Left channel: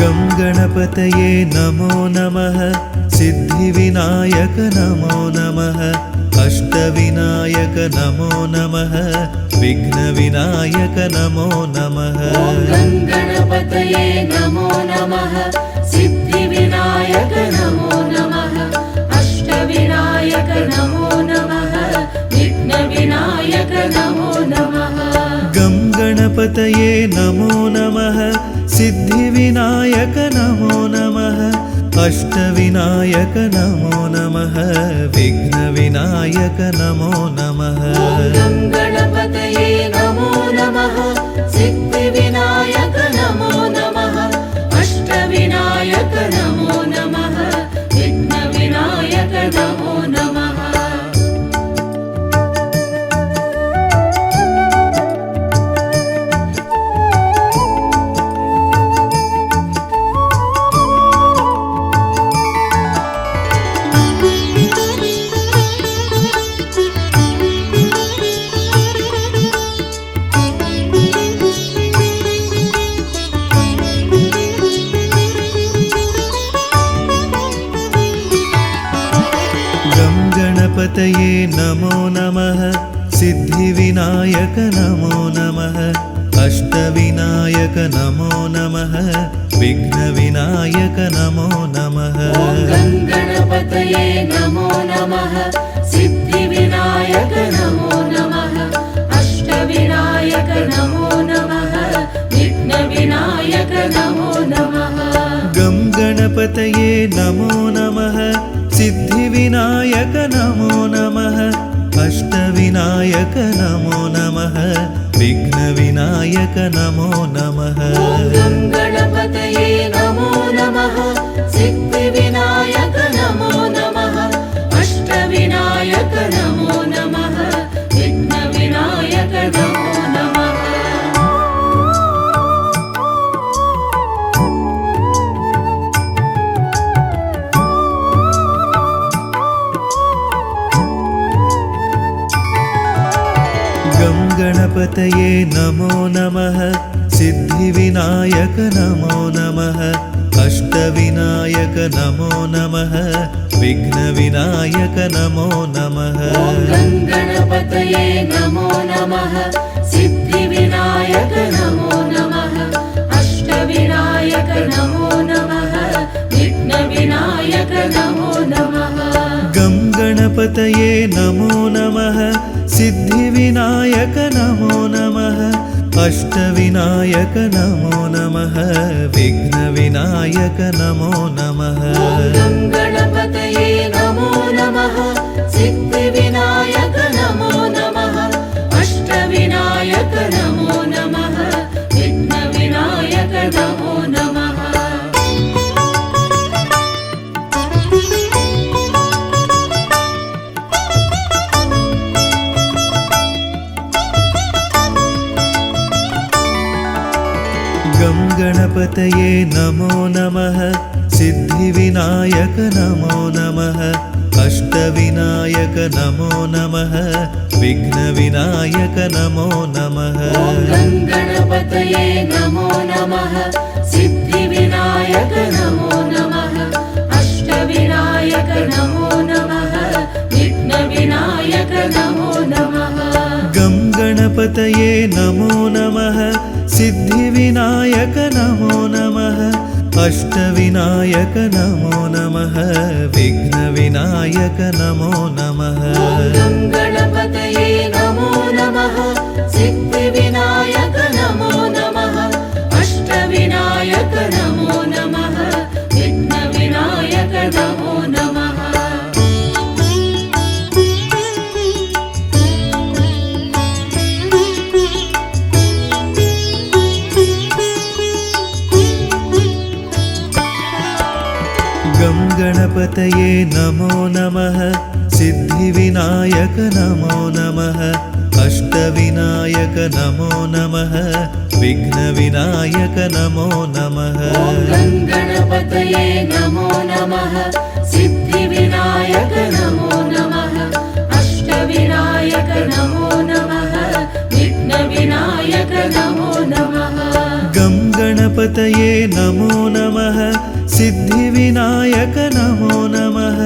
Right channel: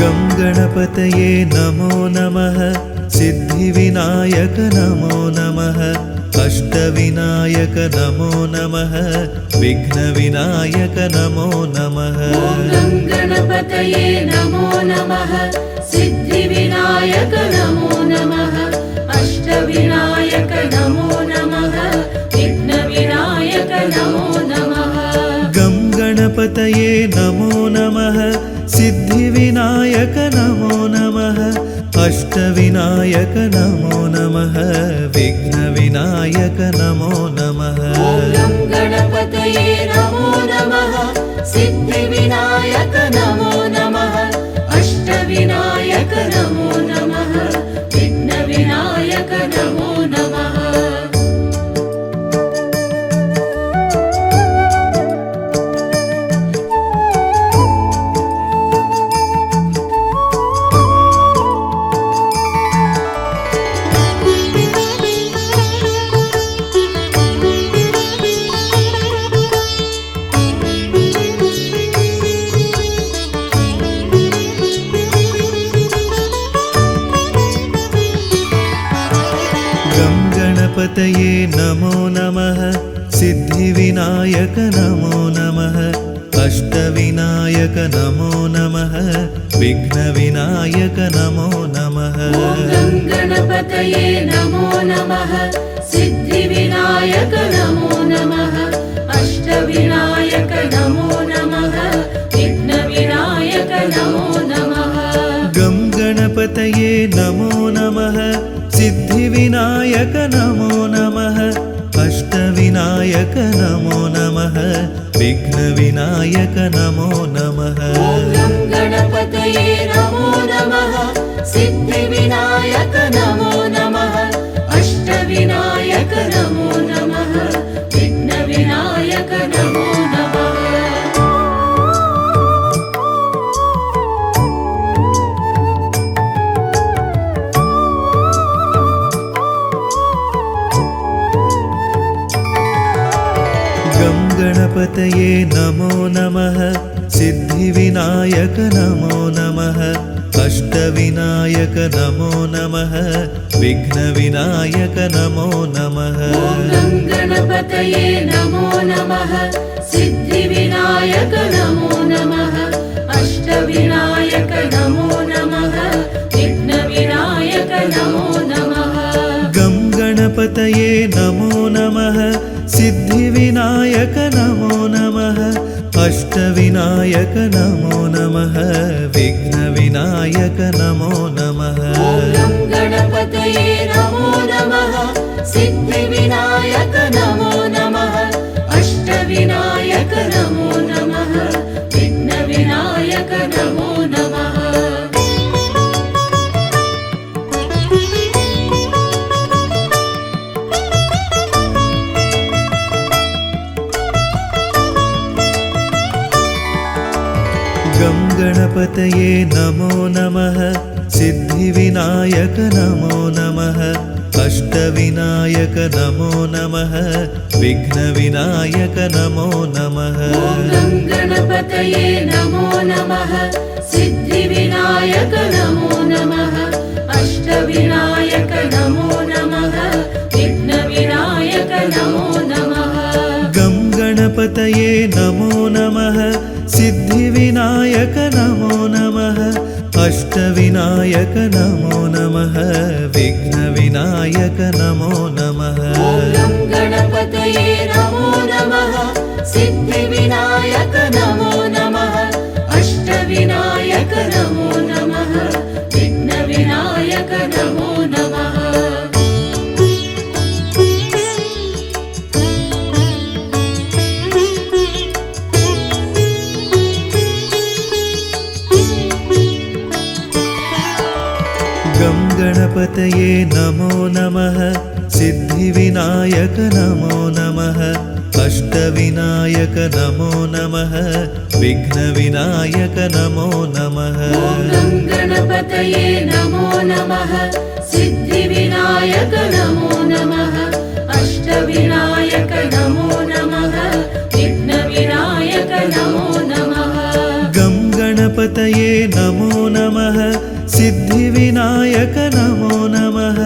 गं गणपतये नमो नमः सिद्धिविनायक नमो नमः अष्टविनायक नमो नमः विघ्नविनायक नमो नमः गं गणपतये नमो नमः सिद्धिविनायक नमो नमः अष्टविनायक नमो नमः विघ्नविनायक नमो नमः गं गणपतये नमो नमः सिद्धिविनायक नमो नमः अष्टविनायक नमो नमः विघ्नविनायक नमो नमः गं गणपतये नमो नमः सिद्धिविनायक नमो नमः अष्टविनायक नमो नमः विघ्नविनायक नमो नमः गं गणपतये नमो नमः सिद्धिविनायक नमो नमः अष्टविनायक नमो नमः विघ्नविनायक नमो नमः गं गणपतये नमो नमः सिद्धिविनायक नमो नमः अष्टविनायक नमो नमः विघ्नविनायक नमो नमः गं गणपतये नमो नमः सिद्धिविनायक नमो नमः अष्टविनायक नमो नमः विघ्नविनायक नमो नमः गं गणपतये नमो नमः सिद्धिविनायक नमो नमः अष्टविनायक नमो नमः विघ्नविनायक नमो नमः गं गणपतये नमो नमः सिद्धिविनायक नमो नमः अष्टविनायक नमो नमः विघ्नविनायक नमो नमः गं गणपतये नमो नमः सिद्धिविनायक नमो नमः अष्टविनायक नमो नमः विघ्नविनायक नमो नमः गं गणपतये नमो नमः सिद्धिविनायक नमो नमः अष्टविनायक नमो नमः विघ्नविनायक नमो नमः गं गणपतये नमो नमः सिद्धिविनायक नमो नमः अष्टविनायक नमो नमः विघ्नविनायक नमो नमः गं गणपतये नमो नमः सिद्धिविनायक नमो नमः अष्टविनायक नमो नमः विघ्नविनायक नमो नमः गं गणपतये नमो नमः सिद्धिविनायक नमो नमः अष्टविनायक नमो नमः विघ्नविनायक नमो नमः गं गणपतये नमो नमः सिद्धिविनायक नमो नमः अष्टविनायक नमो नमः विघ्नविनायक नमो नमः गं गणपतये नमो नमः सिद्धिविनायक नमो नमः अष्टविनायक नमो नमः विघ्नविनायक नमो नमः गं गणपतये नमो नमः सिद्धिविनायक नमो नमः अष्टविनायक नमो नमः विघ्नविनायक नमो नमः गं गणपतये नमो नमः सिद्धिविनायक नमो नमः अष्टविनायक नमो नमः विघ्नविनायक नमो नमः गं गणपतये नमो नमः सिद्धिविनायक नमो नमः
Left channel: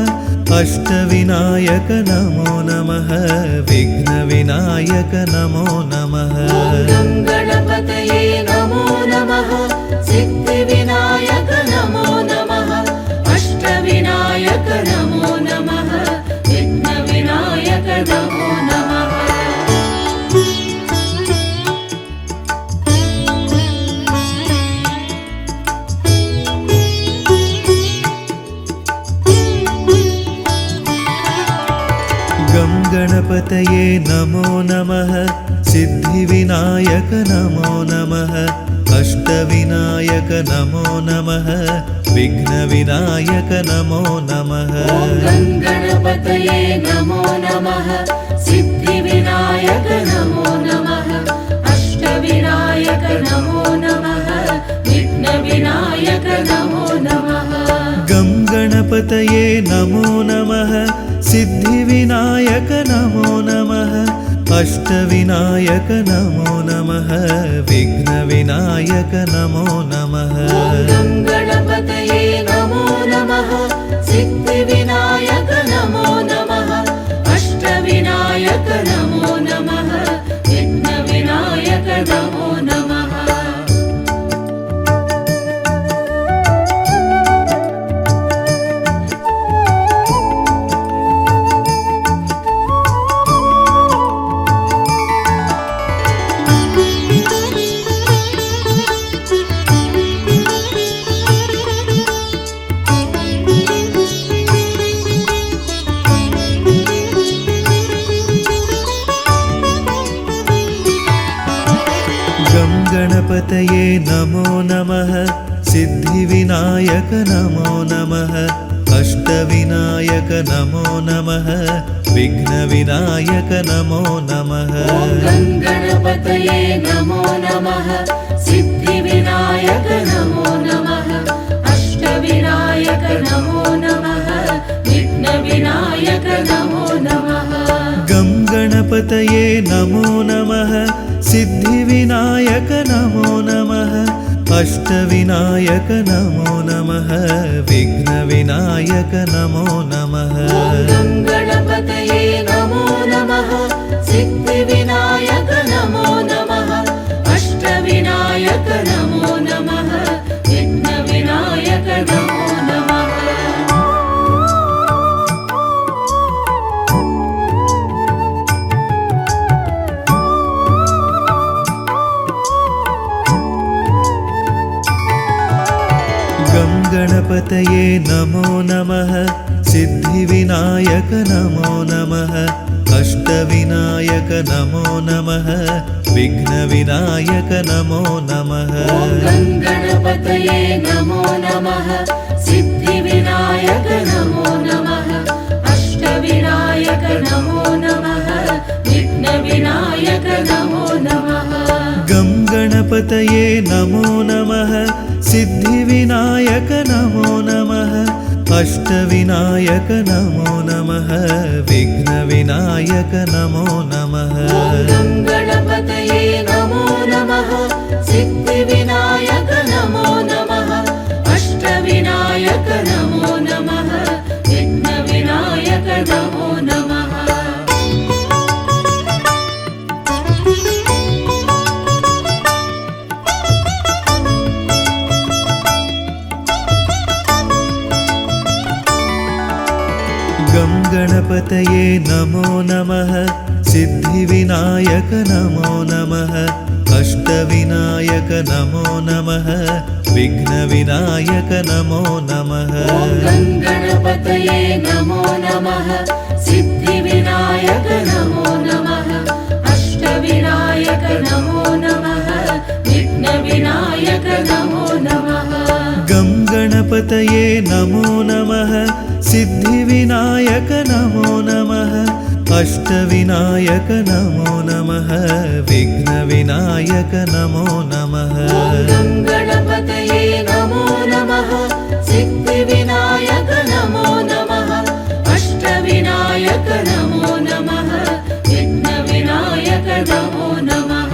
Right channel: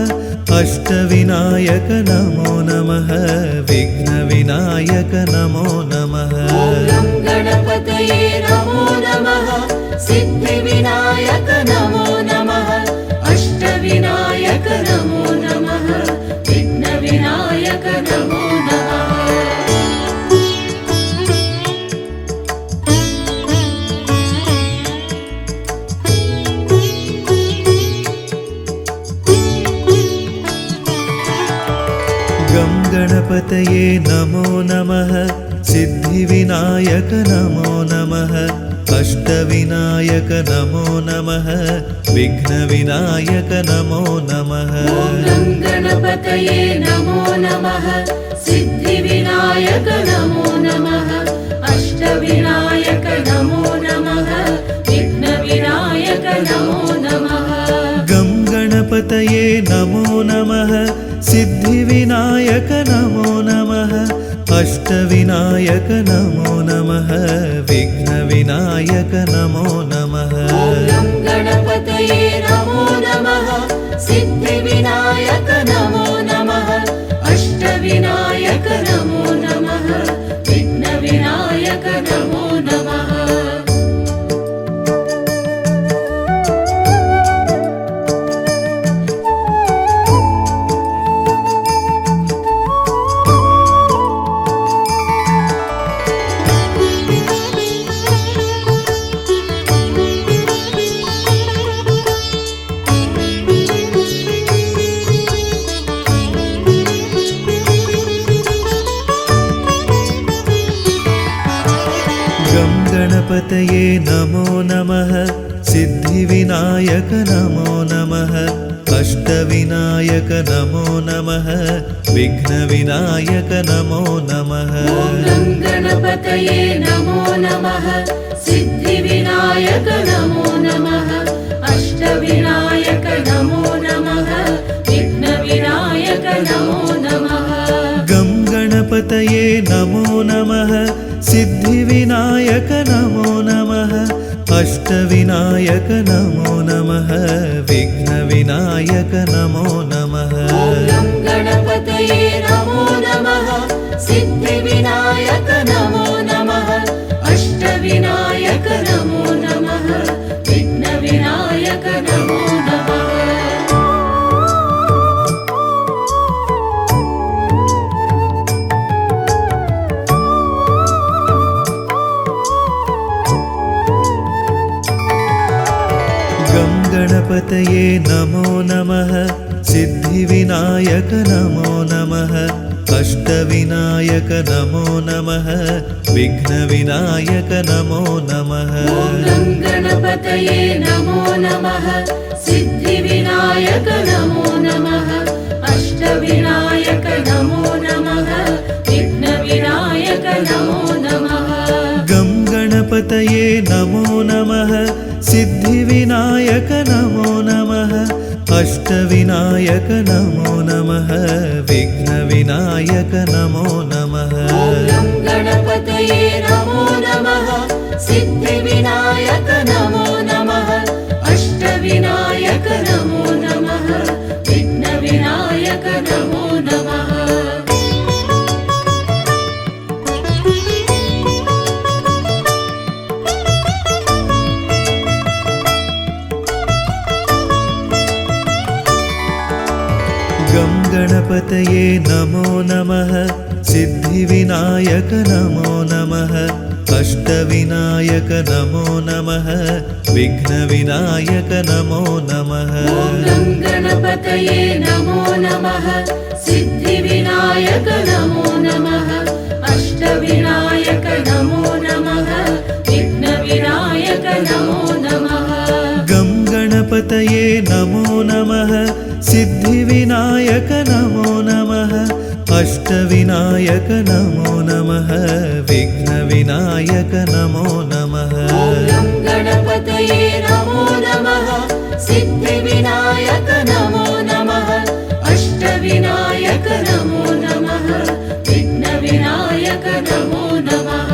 अष्टविनायक नमो नमः विघ्नविनायक नमो नमः गणपतये नमो नमः सिद्धिविनायक नमो नमः अष्टविनायक नमो नमः विघ्नविनायक नमो नमः गं गणपतये नमो नमः सिद्धिविनायक नमो नमः अष्टविनायक नमो नमः विघ्नविनायक नमो नमः गणपतये नमो नमः सिद्धिविनायक नमो नमः अष्टविनायक नमो नमः विघ्नविनायक नमो नमः गं गणपतये नमो नमः सिद्धिविनायक नमो नमः अष्टविनायक नमो नमः विघ्नविनायक नमो नमः गणपतये नमो नमः सिद्धिविनायक नमो नमः अष्टविनायक नमो नमः विघ्नविनायक नमो नमः गं गणपतये नमो नमः सिद्धिविनायक नमो नमः अष्टविनायक नमो नमः विघ्नविनायक नमो नमः गणपतये नमो नमः सिद्धिविनायक नमो नमः अष्टविनायक नमो नमः विघ्नविनायक नमो नमः गं गणपतये नमो नमः सिद्धिविनायक नमो नमः अष्टविनायक नमो नमः विघ्नविनायक नमो नमः गणपतये नमो नमः सिद्धिविनायक नमो नमः अष्टविनायक नमो नमः विघ्नविनायक नमो नमः गं गणपतये नमो नमः सिद्धिविनायक नमो नमः अष्टविनायक नमो नमः विघ्नविनायक नमो नमः गणपतये नमो नमः सिद्धिविनायक नमो नमः अष्टविनायक नमो नमः विघ्नविनायक नमो नमः गं गणपतये नमो नमः सिद्धिविनायक नमो नमः अष्टविनायक नमो नमः विघ्नविनायक नमो नमः गणपतये नमो नमः सिद्धिविनायक नमो नमः अष्टविनायक नमो नमः विघ्नविनायक नमो नमः गं गणपतये नमो नमः सिद्धिविनायक नमो नमः अष्टविनायक नमो नमः विघ्नविनायक नमो नमः गणपतये नमो नमः सिद्धिविनायक नमो नमः अष्टविनायक नमो नमः विघ्नविनायक नमो नमः गं गणपतये नमो नमः सिद्धिविनायक नमो नमः अष्टविनायक नमो नमः विघ्नविनायक नमो नमः गणपतये नमो नमः सिद्धिविनायक नमो नमः अष्टविनायक नमो नमः विघ्नविनायक नमो नमः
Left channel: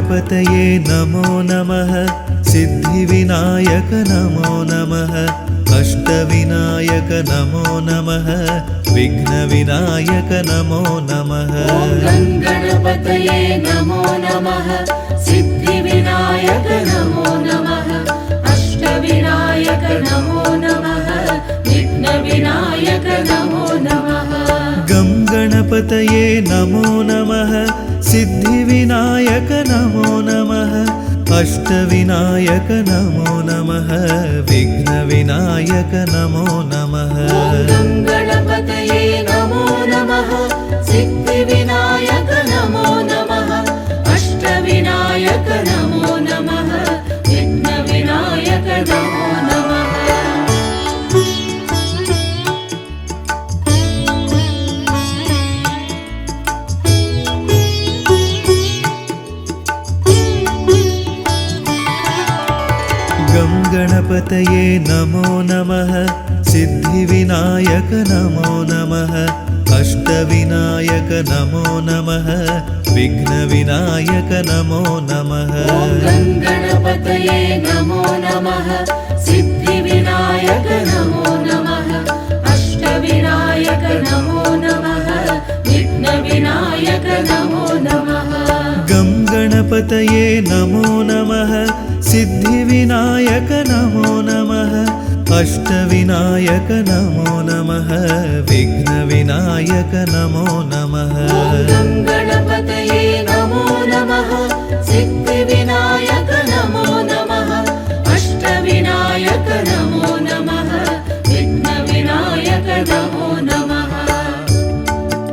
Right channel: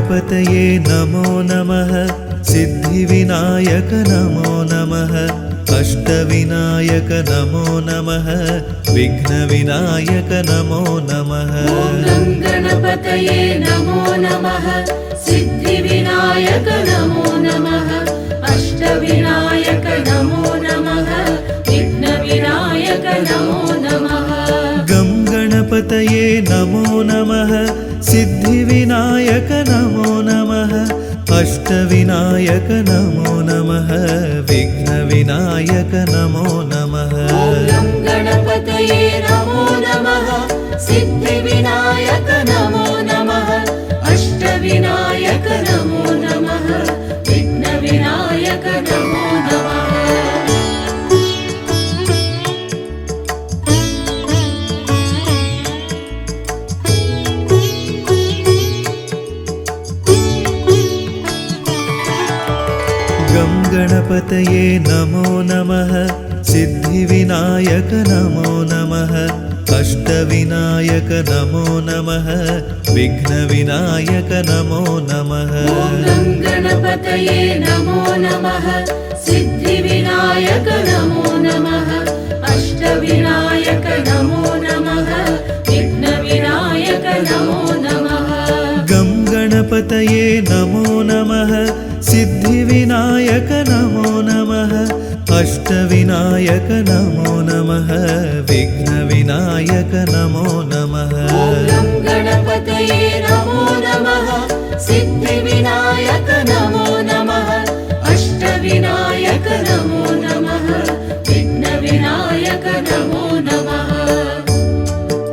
गणपतये नमो नमः सिद्धिविनायक नमो नमः अष्टविनायक नमो नमः विघ्नविनायक नमो नमः गणपतये नमो नमः सिद्धिविनायक नमो नमः अष्टविनायक नमो नमः विघ्नविनायक नमो नमः गं गणपतये नमो नमः सिद्धिविनायक नमो नमः अष्टविनायक नमो नमः विघ्नविनायक नमो नमः गणपतये नमो नमः सिद्धिविनायक नमो नमः अष्टविनायक नमो नमः विघ्नविनायक नमो नमः गं गणपतये नमो नमः सिद्धिविनायक नमो नमः अष्टविनायक नमो नमः विघ्नविनायक नमो नमः गणपतये नमो नमः सिद्धिविनायक नमो नमः अष्टविनायक नमो नमः विघ्नविनायक नमो नमः गं गणपतये नमो नमः सिद्धिविनायक नमो नमः अष्टविनायक नमो नमः विघ्नविनायक नमो नमः गणपतये नमो नमः सिद्धिविनायक नमो नमः अष्टविनायक नमो नमः विघ्नविनायक नमो नमः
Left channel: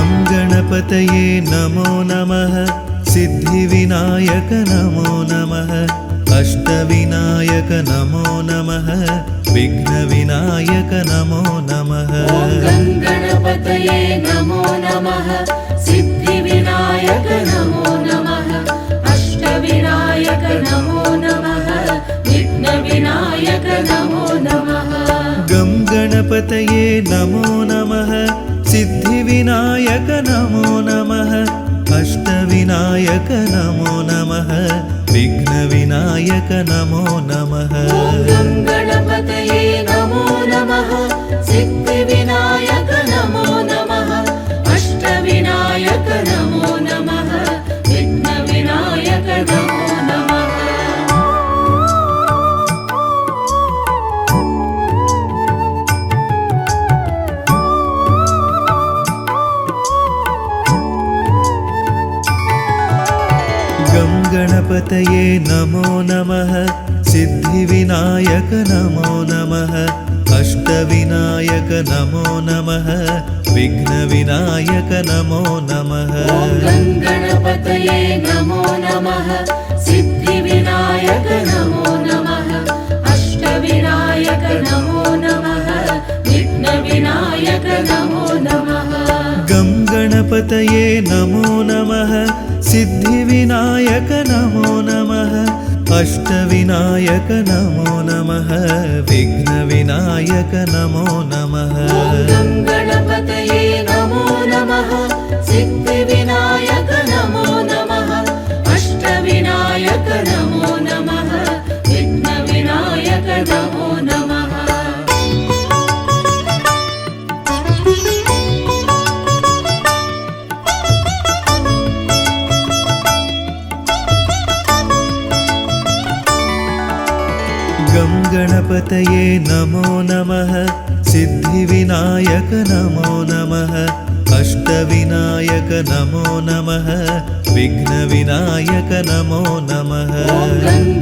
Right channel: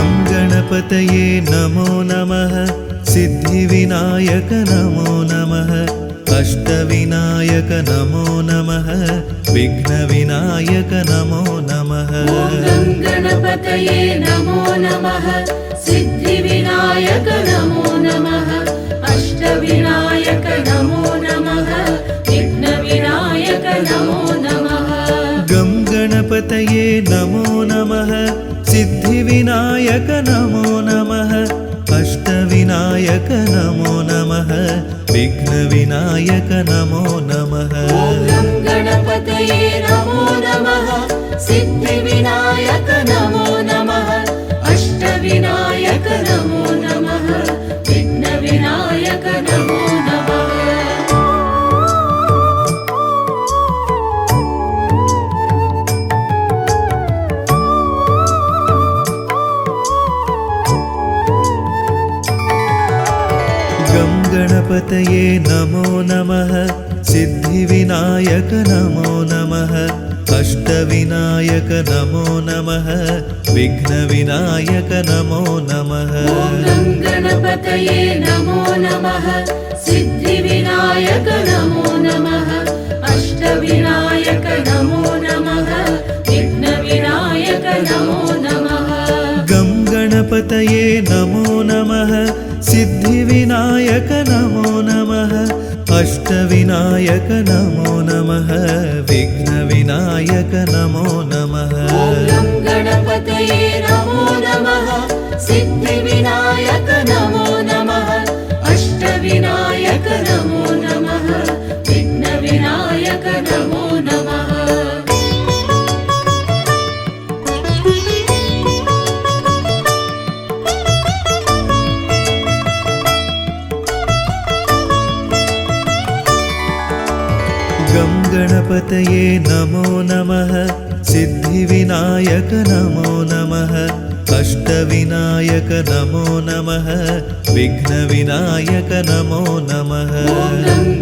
गं गणपतये नमो नमः सिद्धिविनायक नमो नमः अष्टविनायक नमो नमः विघ्नविनायक नमो नमः गणपतये नमो नमः सिद्धिविनायक नमो नमः अष्टविनायक नमो नमः विघ्नविनायक नमो नमः गं गणपतये नमो नमः सिद्धिविनायक नमो नमः अष्टविनायक नमो नमः विघ्नविनायक नमो नमः गणपतये नमो नमः सिद्धिविनायक नमो नमः अष्टविनायक नमो नमः विघ्नविनायक नमो नमः गं गणपतये नमो नमः सिद्धिविनायक नमो नमः अष्टविनायक नमो नमः विघ्नविनायक नमो नमः गणपतये नमो नमः सिद्धिविनायक नमो नमः अष्टविनायक नमो नमः विघ्नविनायक नमो नमः गं गणपतये नमो नमः सिद्धिविनायक नमो नमः अष्टविनायक नमो नमः विघ्नविनायक नमो नमः गणपतये नमो नमः सिद्धिविनायक नमो नमः अष्टविनायक नमो नमः विघ्नविनायक नमो नमः गं गणपतये नमो नमः सिद्धिविनायक नमो नमः अष्टविनायक नमो नमः विघ्नविनायक नमो नमः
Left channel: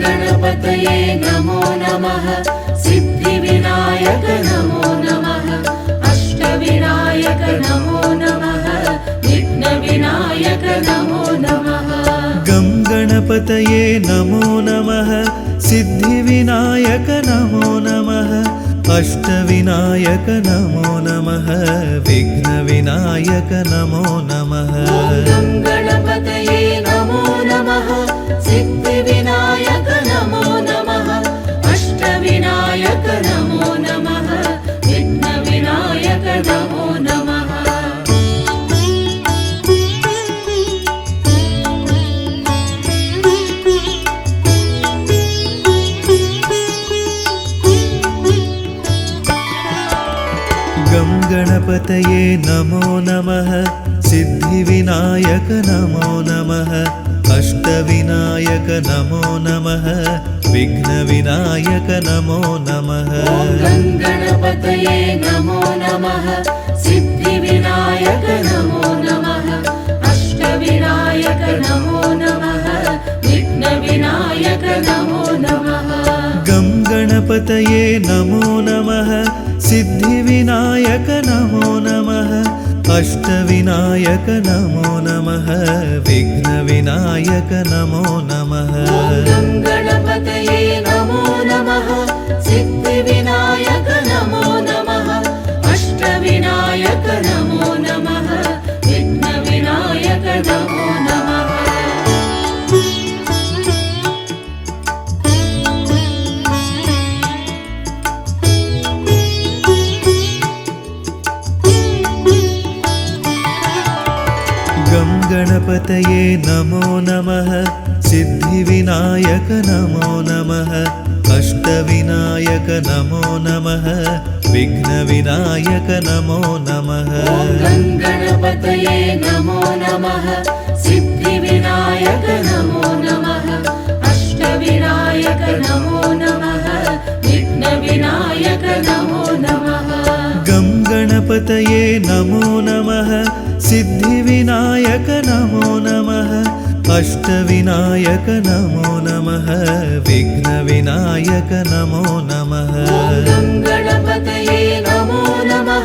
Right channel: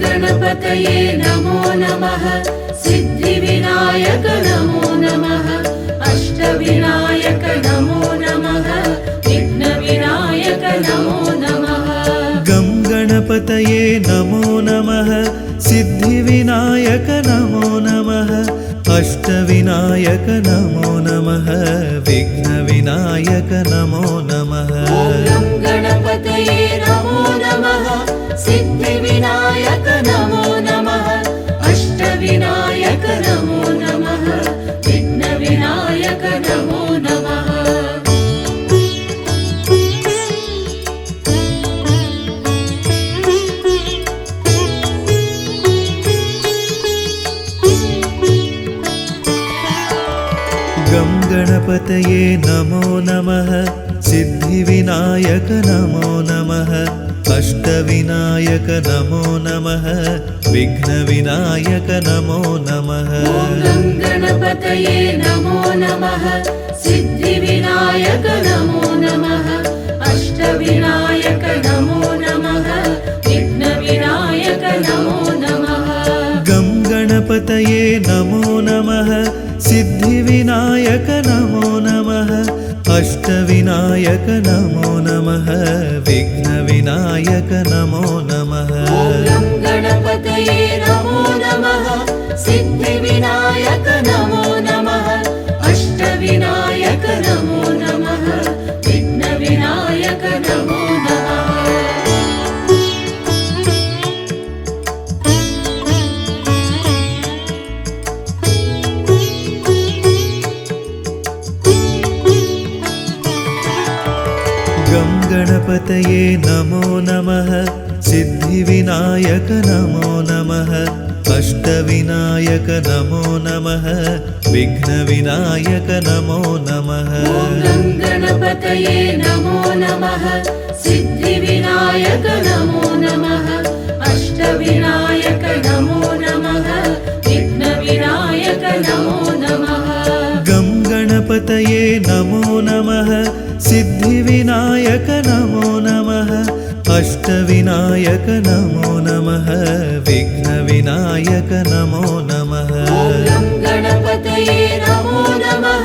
गणपतये नमो नमः सिद्धिविनायक नमो नमः अष्टविनायक नमो नमः विघ्नविनायक नमो नमः गं गणपतये नमो नमः सिद्धिविनायक नमो नमः अष्टविनायक नमो नमः विघ्नविनायक नमो नमः गणपतये नमो नमः सिद्धिविनायक नमो नमः अष्टविनायक नमो नमः विघ्नविनायक नमो नमः गं गणपतये नमो नमः सिद्धिविनायक नमो नमः अष्टविनायक नमो नमः विघ्नविनायक नमो नमः गणपतये नमो नमः सिद्धिविनायक नमो नमः अष्टविनायक नमो नमः विघ्नविनायक नमो नमः गं गणपतये नमो नमः सिद्धिविनायक नमो नमः अष्टविनायक नमो नमः विघ्नविनायक नमो नमः गणपतये नमो नमः सिद्धिविनायक नमो नमः अष्टविनायक नमो नमः विघ्नविनायक नमो नमः गं गणपतये नमो नमः सिद्धिविनायक नमो नमः अष्टविनायक नमो नमः विघ्नविनायक नमो नमः गणपतये नमो नमः सिद्धिविनायक नमो नमः अष्टविनायक नमो नमः विघ्नविनायक नमो नमः गं गणपतये नमो नमः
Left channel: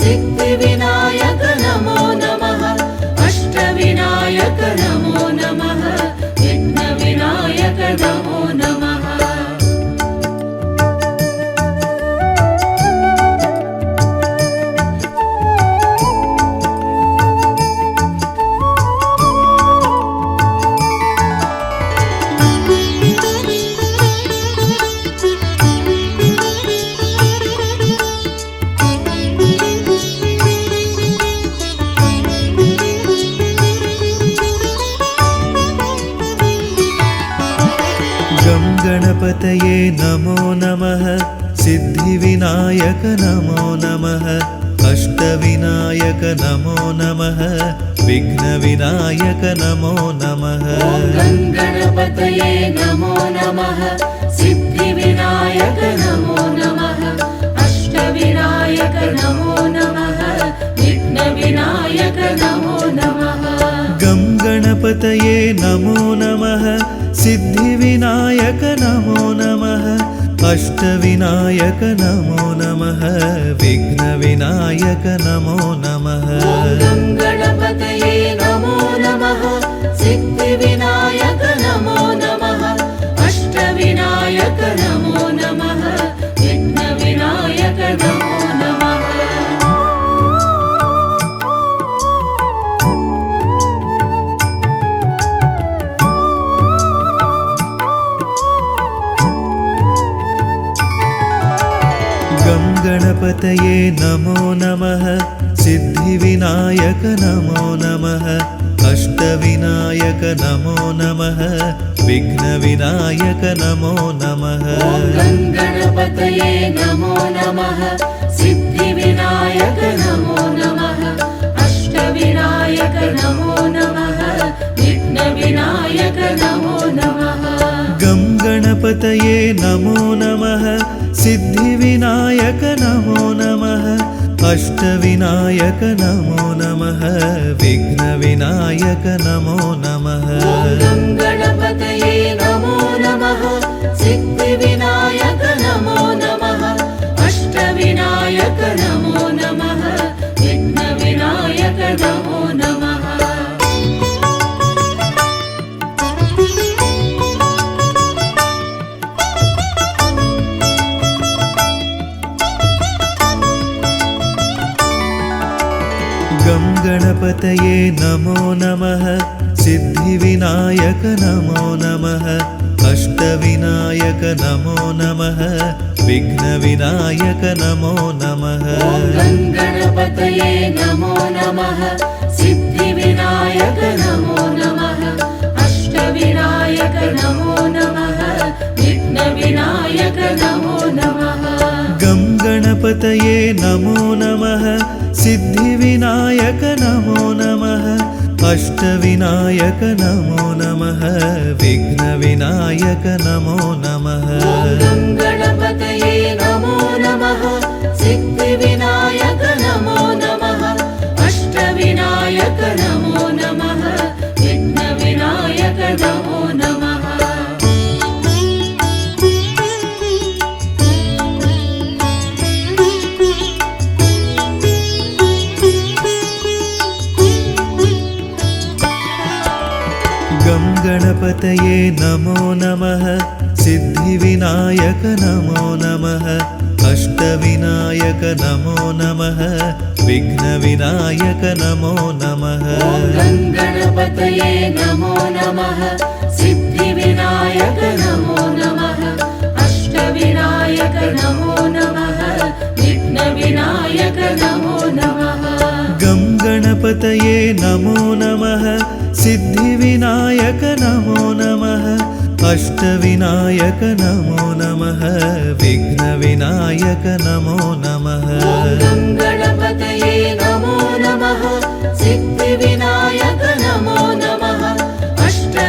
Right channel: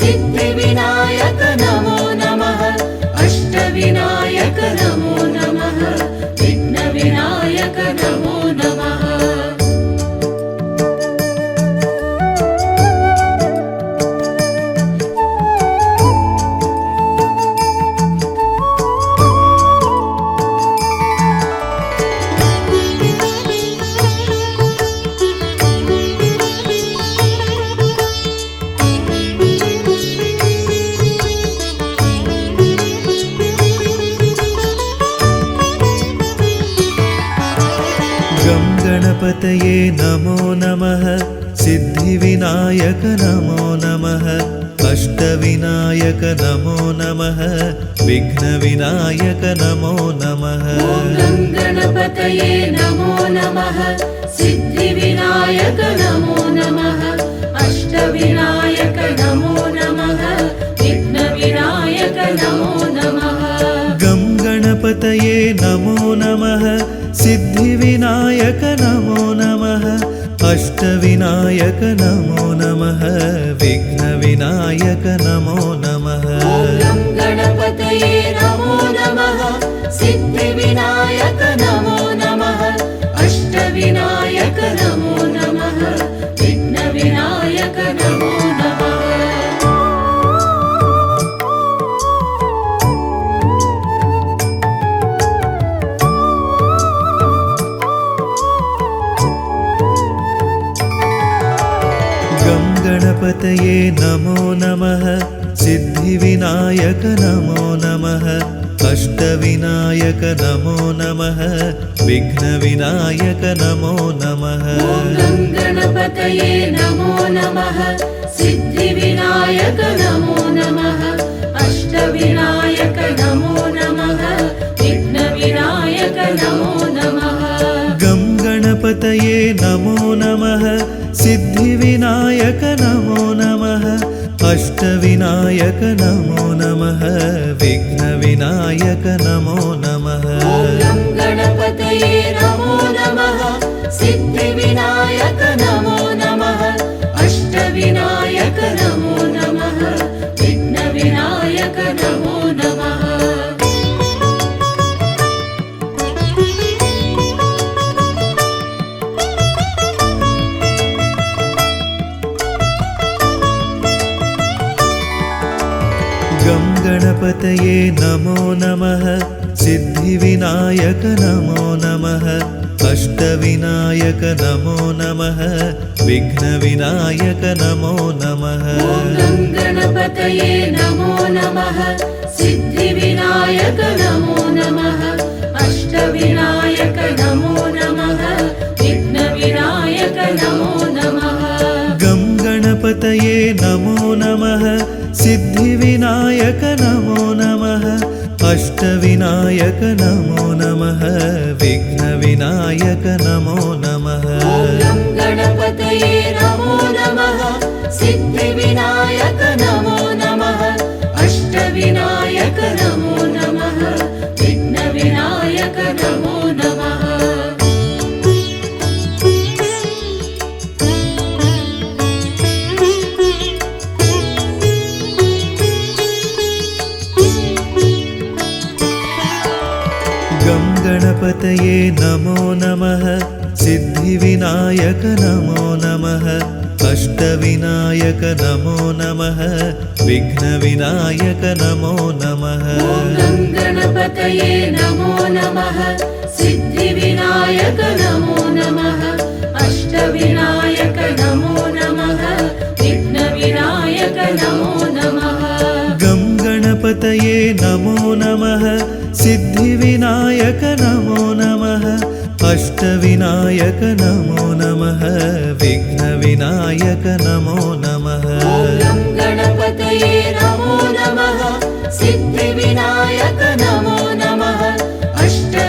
सिद्धिविनायक नमो नमः अष्टविनायक नमो नमः विघ्नविनायक नमो नमः गणपतये नमो नमः सिद्धिविनायक नमो नमः अष्टविनायक नमो नमः विघ्नविनायक नमो नमः गं गणपतये नमो नमः सिद्धिविनायक नमो नमः अष्टविनायक नमो नमः विघ्नविनायक नमो नमः गणपतये नमो नमः सिद्धिविनायक नमो नमः अष्टविनायक नमो नमः विघ्नविनायक नमो नमः गं गणपतये नमो नमः सिद्धिविनायक नमो नमः अष्टविनायक नमो नमः विघ्नविनायक नमो नमः गणपतये नमो नमः सिद्धिविनायक नमो नमः अष्टविनायक नमो नमः विघ्नविनायक नमो नमः गं गणपतये नमो नमः सिद्धिविनायक नमो नमः अष्टविनायक नमो नमः विघ्नविनायक नमो नमः गणपतये नमो नमः सिद्धिविनायक नमो नमः अष्टविनायक नमो नमः विघ्नविनायक नमो नमः गं गणपतये नमो नमः सिद्धिविनायक नमो नमः अष्टविनायक नमो नमः विघ्नविनायक नमो नमः गणपतये नमो नमः सिद्धिविनायक नमो नमः अष्टविनायक नमो नमः विघ्नविनायक नमो नमः गणपतये नमो नमः सिद्धिविनायक नमो नमः अष्टविनायक नमो नमः विघ्नविनायक नमो नमः गणपतये नमो नमः सिद्धिविनायक नमो नमः अष्टविनायक नमो नमः विघ्नविनायक नमो नमः गं गणपतये नमो नमः सिद्धिविनायक नमो नमः अष्टविनायक नमो नमः विघ्नविनायक नमो नमः गणपतये नमो नमः सिद्धिविनायक नमो नमः अष्टविनायक नमो नमः विघ्नविनायक नमो नमः गं गणपतये नमो नमः सिद्धिविनायक नमो नमः अष्टविनायक नमो नमः विघ्नविनायक नमो नमः गणपतये नमो नमः सिद्धिविनायक नमो नमः अष्टविनायक नमो नमः विघ्नविनायक नमो नमः गं गणपतये नमो नमः सिद्धिविनायक नमो नमः अष्टविनायक नमो नमः विघ्नविनायक नमो नमः गणपतये नमो नमः सिद्धिविनायक नमो नमः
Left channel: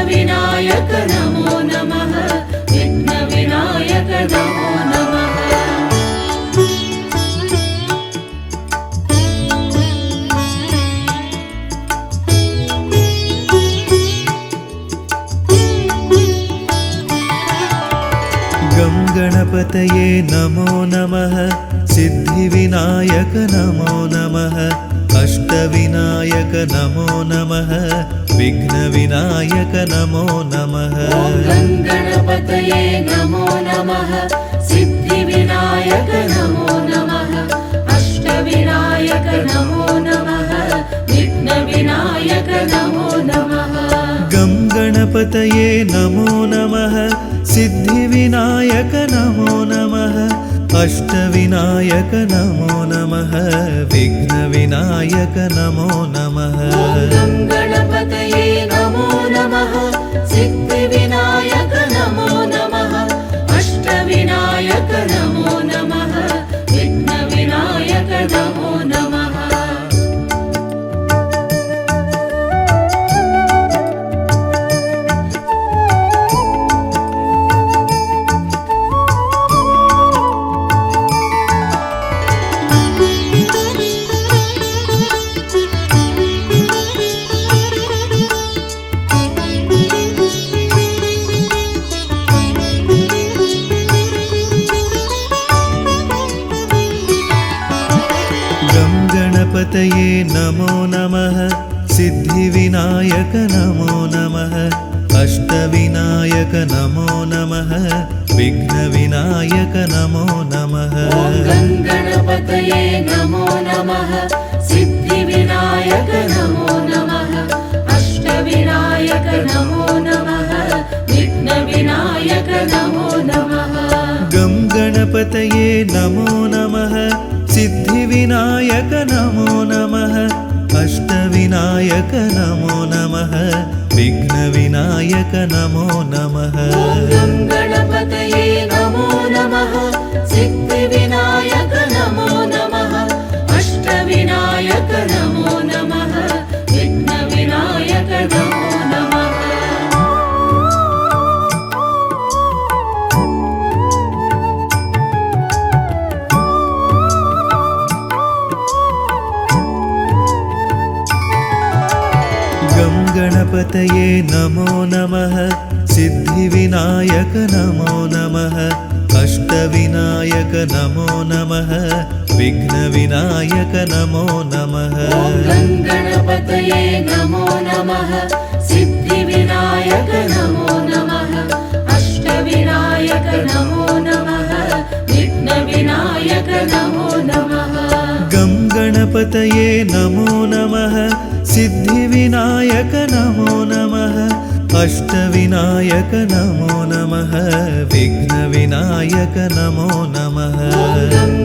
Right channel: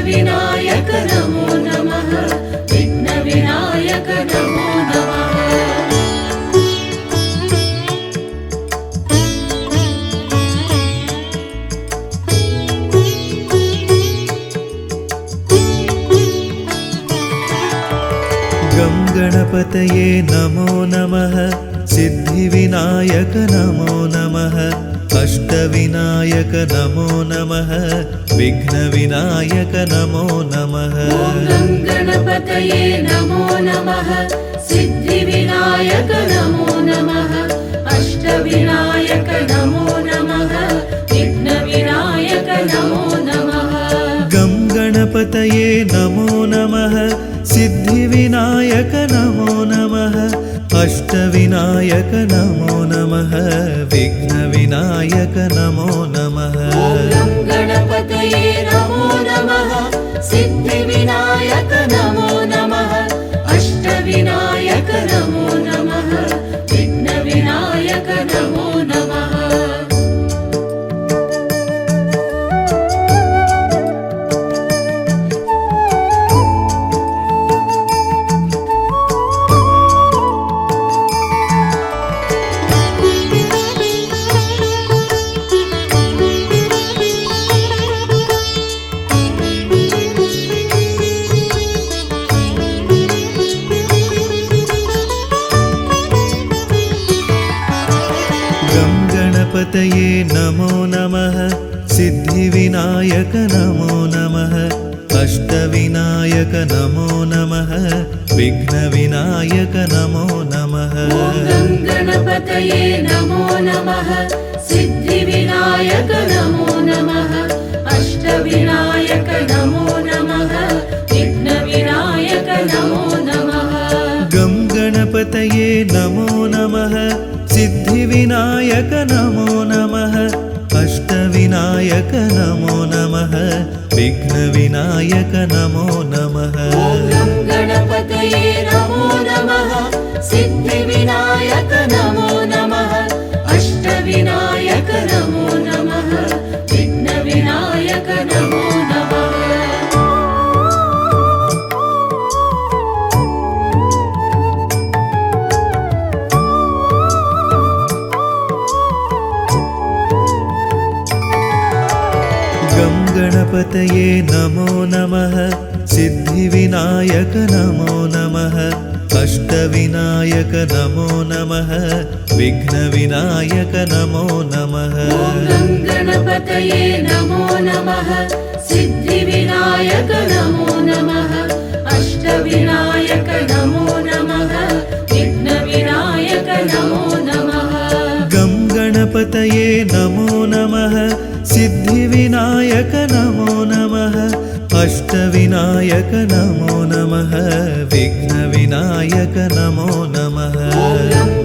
अष्टविनायक नमो नमः विघ्नविनायक नमो नमः गं गणपतये नमो नमः सिद्धिविनायक नमो नमः अष्टविनायक नमो नमः विघ्नविनायक नमो नमः गणपतये नमो नमः सिद्धिविनायक नमो नमः अष्टविनायक नमो नमः विघ्नविनायक नमो नमः गं गणपतये नमो नमः सिद्धिविनायक नमो नमः अष्टविनायक नमो नमः विघ्नविनायक नमो नमः गणपतये नमो नमः सिद्धिविनायक नमो नमः अष्टविनायक नमो नमः विघ्नविनायक नमो नमः गं गणपतये नमो नमः सिद्धिविनायक नमो नमः अष्टविनायक नमो नमः विघ्नविनायक नमो नमः गणपतये नमो नमः सिद्धिविनायक नमो नमः अष्टविनायक नमो नमः विघ्नविनायक नमो नमः गं गणपतये नमो नमः सिद्धिविनायक नमो नमः अष्टविनायक नमो नमः विघ्नविनायक नमो नमः गणपतये नमो नमः सिद्धिविनायक नमो नमः अष्टविनायक नमो नमः विघ्नविनायक नमो नमः गं गणपतये नमो नमः सिद्धिविनायक नमो नमः अष्टविनायक नमो नमः विघ्नविनायक नमो नमः गणपतये नमो नमः सिद्धिविनायक नमो नमः अष्टविनायक नमो नमः विघ्नविनायक नमो नमः गं गणपतये गङ्गणपतये नमो नमः सिद्धिविनायक नमो नमः अष्टविनायक नमो नमः विघ्नविनायक नमो नमः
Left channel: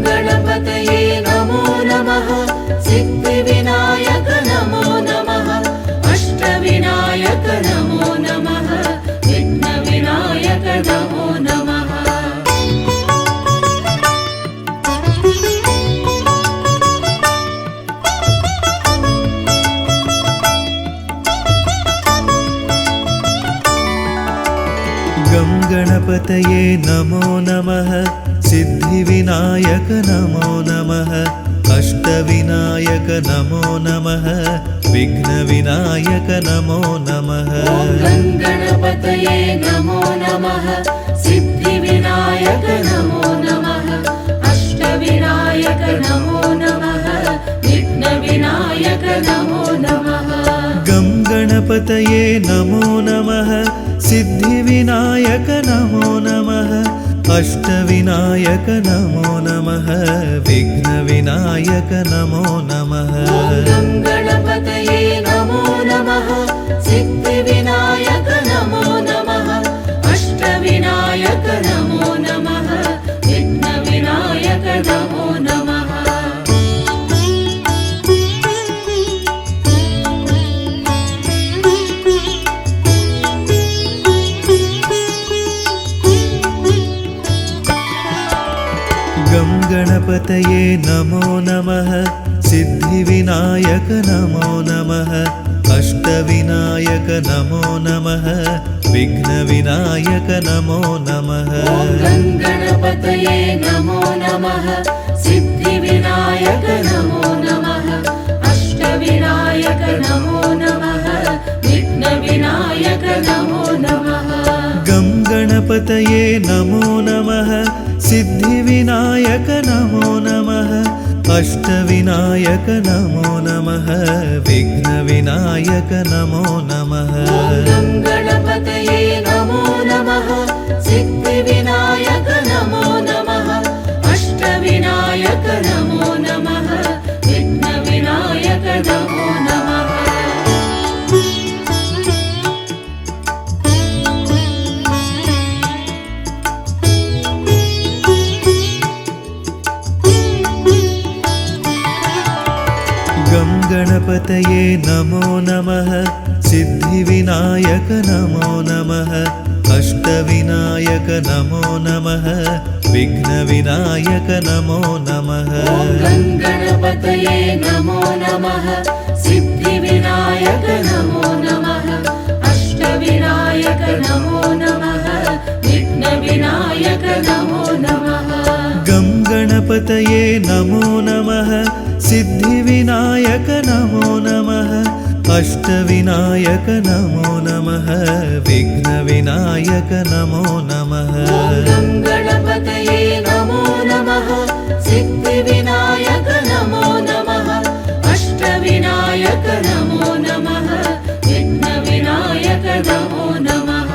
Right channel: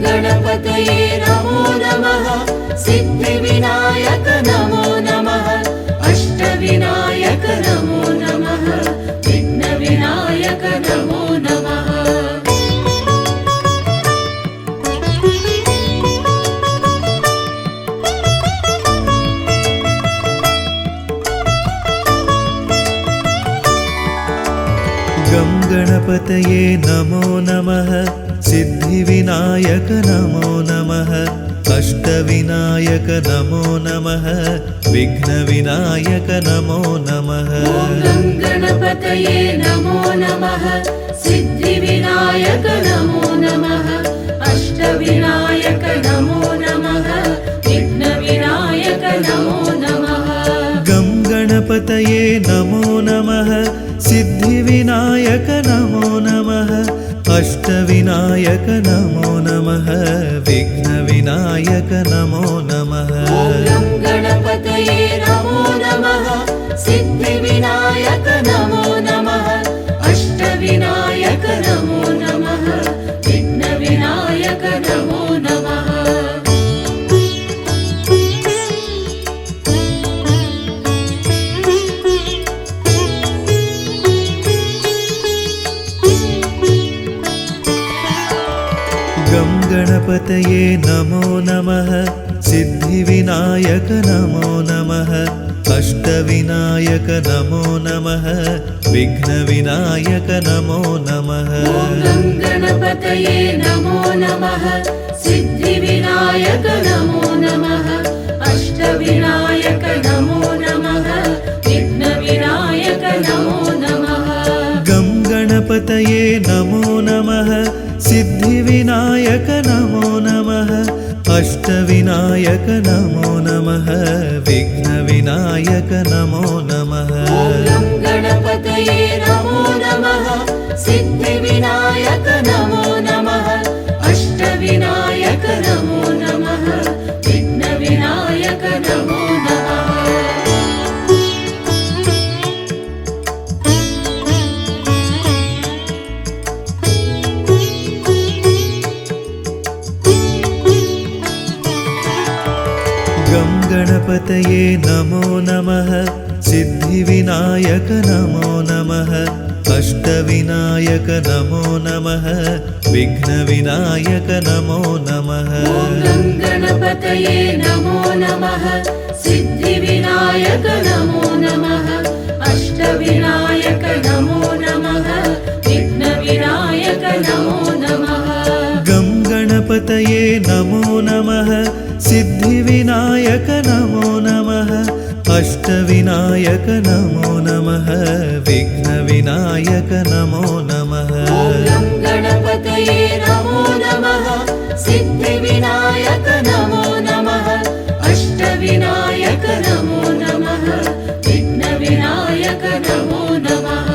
गणपतये नमो नमः सिद्धिविनायक नमो नमः अष्टविनायक नमो नमः विघ्नविनायक नमो नमः गं गणपतये नमो नमः सिद्धिविनायक नमो नमः अष्टविनायक नमो नमः विघ्नविनायक नमो नमः गणपतये नमो नमः सिद्धिविनायक नमो नमः अष्टविनायक नमो नमः विघ्नविनायक नमो नमः गं गणपतये नमो नमः सिद्धिविनायक नमो नमः अष्टविनायक नमो नमः विघ्नविनायक नमो नमः गणपतये नमो नमः सिद्धिविनायक नमो नमः अष्टविनायक नमो नमः विघ्नविनायक नमो नमः गं गणपतये नमो नमः सिद्धिविनायक नमो नमः अष्टविनायक नमो नमः विघ्नविनायक नमो नमः गणपतये नमो नमः सिद्धिविनायक नमो नमः अष्टविनायक नमो नमः विघ्नविनायक नमो नमः गं गणपतये नमो नमः सिद्धिविनायक नमो नमः अष्टविनायक नमो नमः विघ्नविनायक नमो नमः गणपतये नमो नमः सिद्धिविनायक नमो नमः अष्टविनायक नमो नमः विघ्नविनायक नमो नमः गं गणपतये नमो नमः सिद्धिविनायक नमो नमः अष्टविनायक नमो नमः विघ्नविनायक नमो नमः गणपतये नमो नमः सिद्धिविनायक नमो नमः अष्टविनायक नमो नमः विघ्नविनायक नमो नमः गं गणपतये नमो नमः सिद्धिविनायक नमो नमः अष्टविनायक नमो नमः विघ्नविनायक नमो नमः गणपतये नमो नमः सिद्धिविनायक नमो नमः अष्टविनायक नमो नमः विघ्नविनायक नमो नमः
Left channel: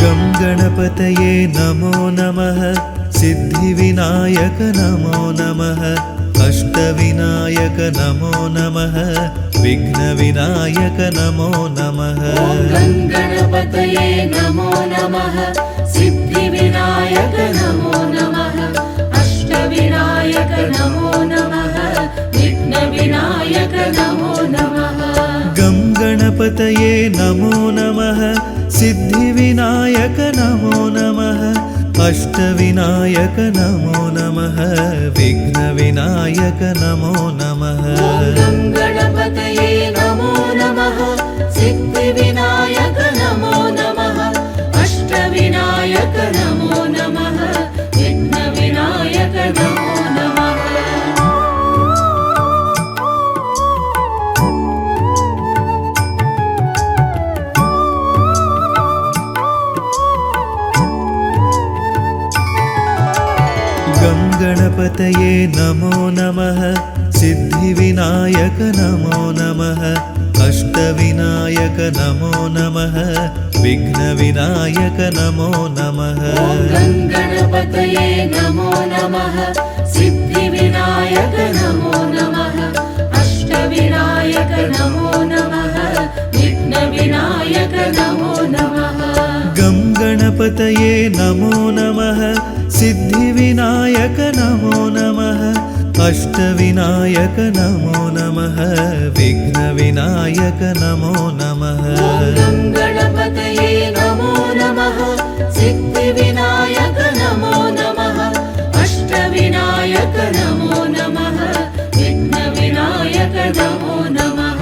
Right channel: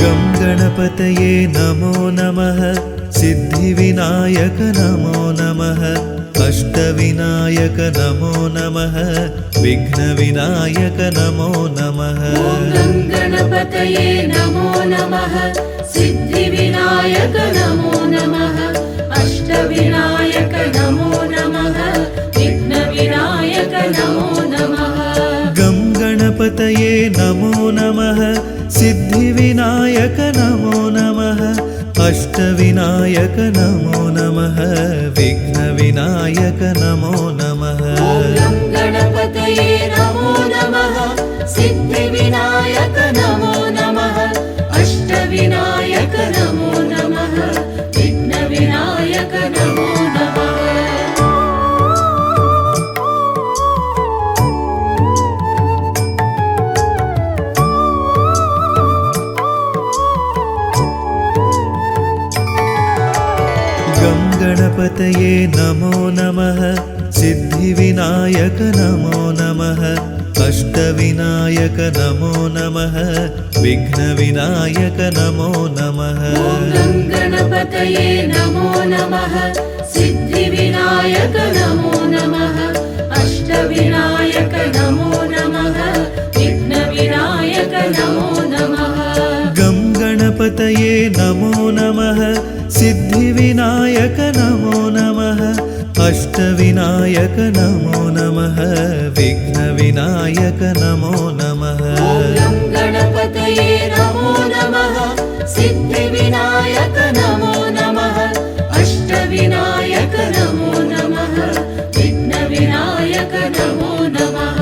गं गणपतये नमो नमः सिद्धिविनायक नमो नमः अष्टविनायक नमो नमः विघ्नविनायक नमो नमः गणपतये नमो नमः सिद्धिविनायक नमो नमः अष्टविनायक नमो नमः विघ्नविनायक नमो नमः गं गणपतये नमो नमः सिद्धिविनायक नमो नमः अष्टविनायक नमो नमः विघ्नविनायक नमो नमः गणपतये नमो नमः सिद्धिविनायक नमो नमः अष्टविनायक नमो नमः विघ्नविनायक नमो नमः गं गणपतये नमो नमः सिद्धिविनायक नमो नमः अष्टविनायक नमो नमः विघ्नविनायक नमो नमः गं गणपतये नमो नमः सिद्धिविनायक नमो नमः अष्टविनायक नमो नमः विघ्नविनायक नमो नमः गं गणपतये नमो नमः सिद्धिविनायक नमो नमः अष्टविनायक नमो नमः विघ्नविनायक नमो नमः गं गणपतये नमो नमः सिद्धिविनायक नमो नमः अष्टविनायक नमो नमः विघ्नविनायक नमो नमः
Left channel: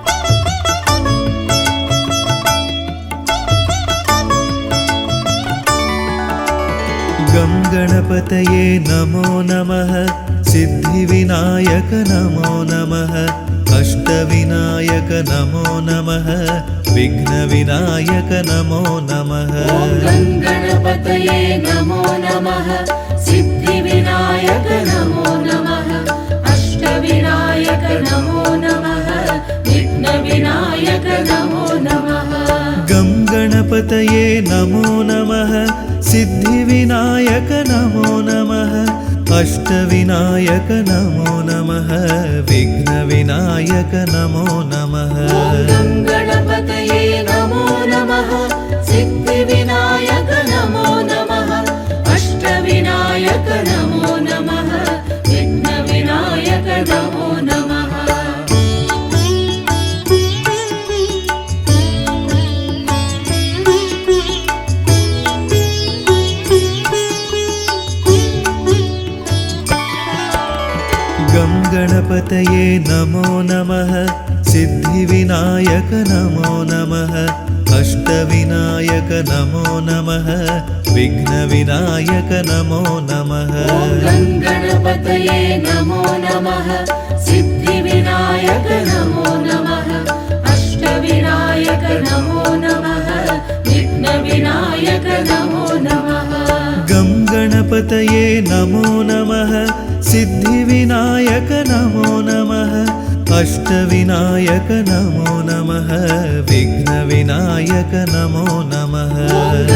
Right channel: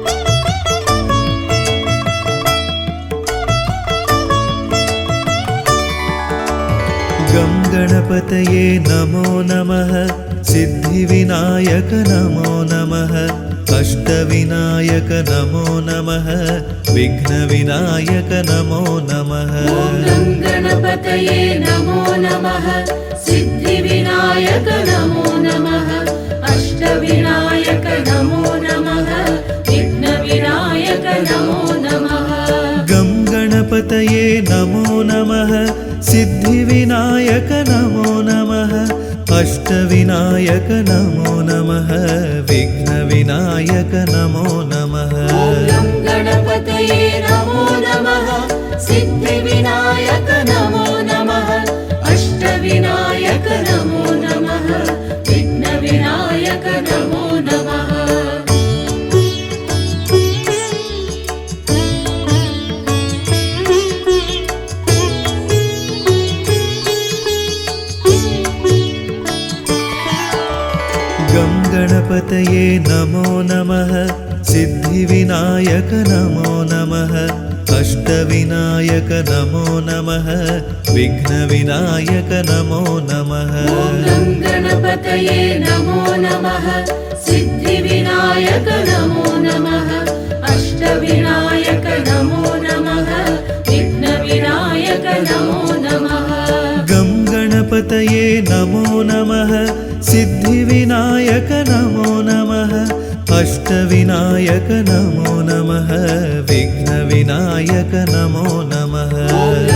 गं गणपतये नमो नमः सिद्धिविनायक नमो नमः अष्टविनायक नमो नमः विघ्नविनायक नमो नमः गं गणपतये नमो नमः सिद्धिविनायक नमो नमः अष्टविनायक नमो नमः विघ्नविनायक नमो नमः गं गणपतये नमो नमः सिद्धिविनायक नमो नमः अष्टविनायक नमो नमः विघ्नविनायक नमो नमः गं गणपतये नमो नमः सिद्धिविनायक नमो नमः अष्टविनायक नमो नमः विघ्नविनायक नमो नमः गं गणपतये नमो नमः सिद्धिविनायक नमो नमः अष्टविनायक नमो नमः विघ्नविनायक नमो नमः गं गणपतये नमो नमः सिद्धिविनायक नमो नमः अष्टविनायक नमो नमः विघ्नविनायक नमो नमः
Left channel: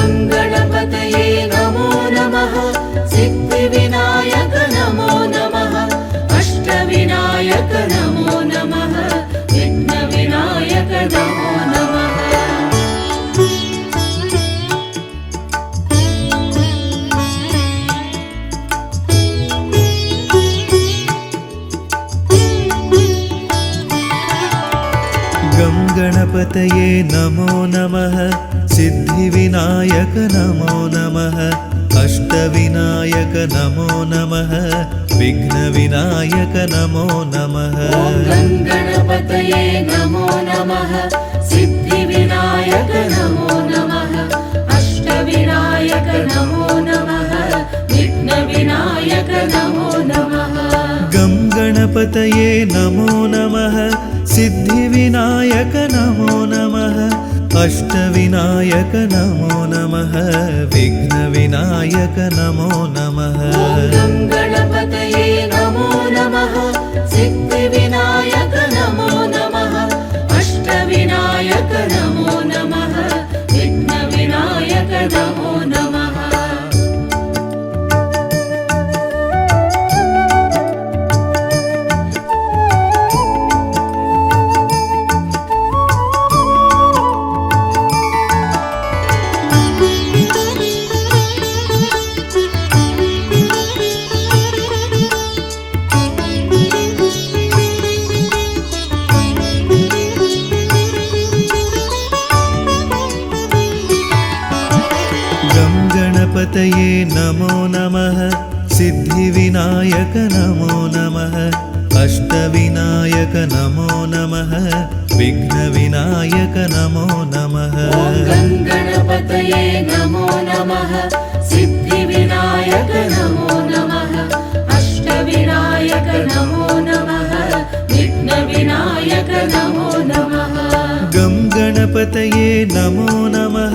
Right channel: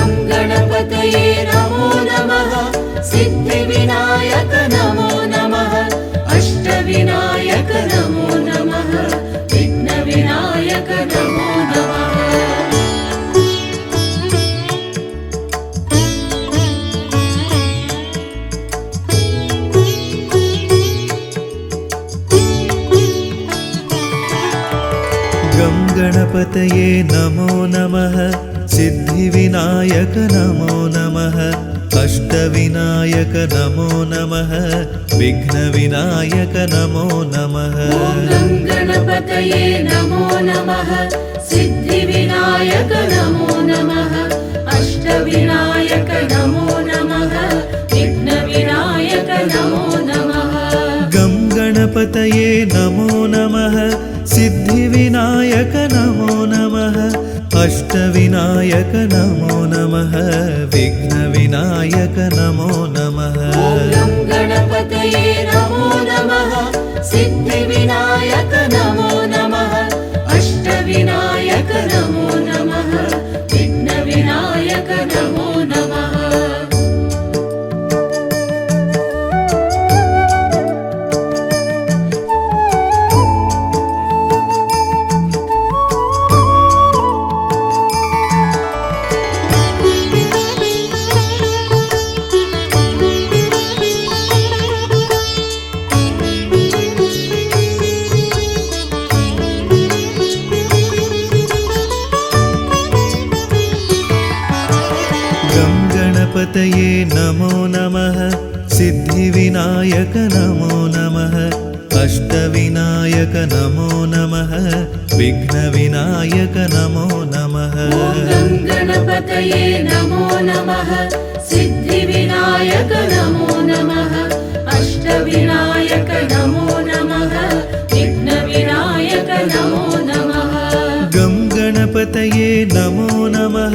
गं गणपतये नमो नमः सिद्धिविनायक नमो नमः अष्टविनायक नमो नमः विघ्नविनायक नमो नमः गं गणपतये नमो नमः सिद्धिविनायक नमो नमः अष्टविनायक नमो नमः विघ्नविनायक नमो नमः गं गणपतये नमो नमः सिद्धिविनायक नमो नमः अष्टविनायक नमो नमः विघ्नविनायक नमो नमः गं गणपतये नमो नमः सिद्धिविनायक नमो नमः अष्टविनायक नमो नमः विघ्नविनायक नमो नमः गं गणपतये नमो नमः सिद्धिविनायक नमो नमः अष्टविनायक नमो नमः विघ्नविनायक नमो नमः गं गणपतये नमो नमः सिद्धिविनायक नमो नमः अष्टविनायक नमो नमः विघ्नविनायक नमो नमः गं गणपतये नमो नमः सिद्धिविनायक नमो नमः अष्टविनायक नमो नमः विघ्नविनायक नमो नमः गं गणपतये नमो नमः सिद्धिविनायक नमो नमः अष्टविनायक नमो नमः विघ्नविनायक नमो नमः गं गणपतये गङ्गणपतये नमो नमः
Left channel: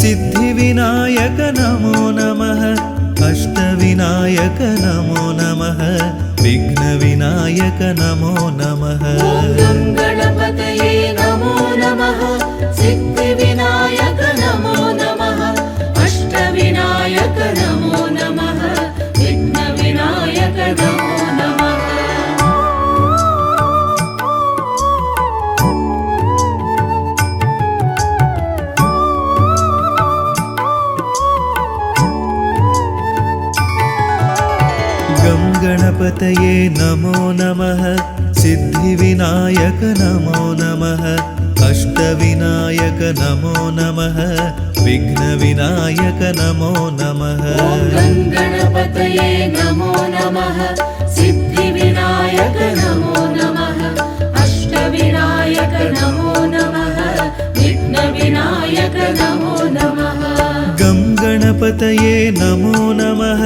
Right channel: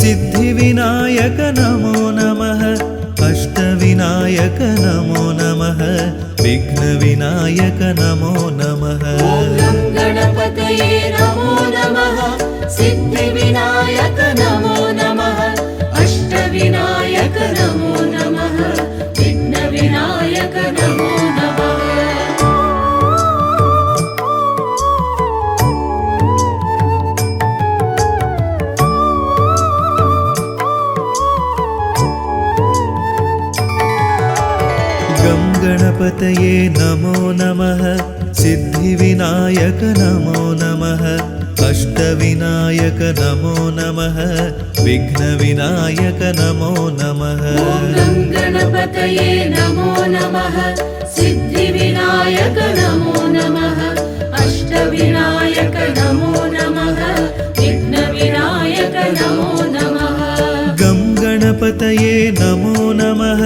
सिद्धिविनायक नमो नमः अष्टविनायक नमो नमः विघ्नविनायक नमो नमः गणपतये नमो नमः सिद्धिविनायक नमो नमः अष्टविनायक नमो नमः विघ्नविनायक नमो नमः गं गणपतये नमो नमः सिद्धिविनायक नमो नमः अष्टविनायक नमो नमः विघ्नविनायक नमो नमः गणपतये नमो नमः सिद्धिविनायक नमो नमः अष्टविनायक नमो नमः विघ्नविनायक नमो नमः गं गणपतये नमो नमः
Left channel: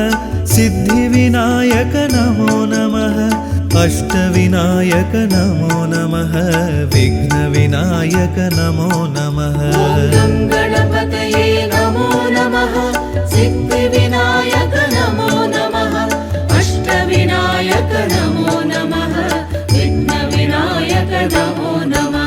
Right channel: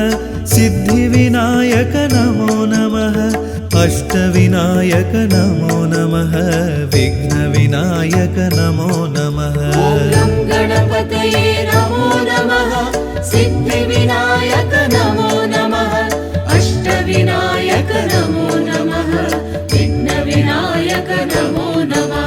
सिद्धिविनायक नमो नमः अष्टविनायक नमो नमः विघ्नविनायक नमो नमः गणपतये नमो नमः सिद्धिविनायक नमो नमः अष्टविनायक नमो नमः विघ्नविनायक नमो नमः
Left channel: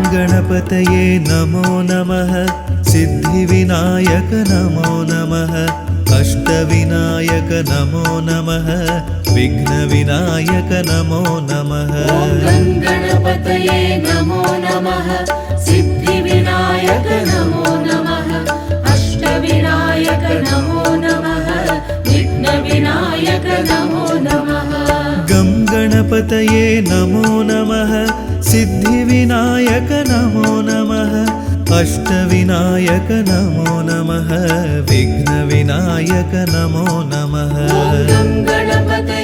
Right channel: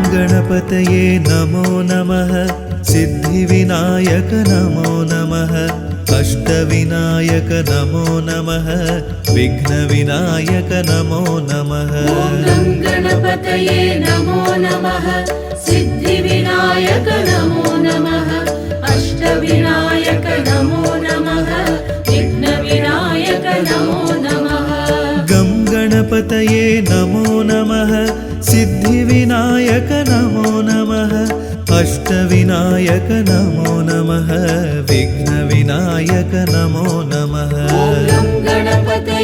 गं गणपतये नमो नमः सिद्धिविनायक नमो नमः अष्टविनायक नमो नमः विघ्नविनायक नमो नमः गणपतये नमो नमः सिद्धिविनायक नमो नमः अष्टविनायक नमो नमः विघ्नविनायक नमो नमः गं गणपतये नमो नमः सिद्धिविनायक नमो नमः अष्टविनायक नमो नमः विघ्नविनायक नमो नमः गणपतये नमो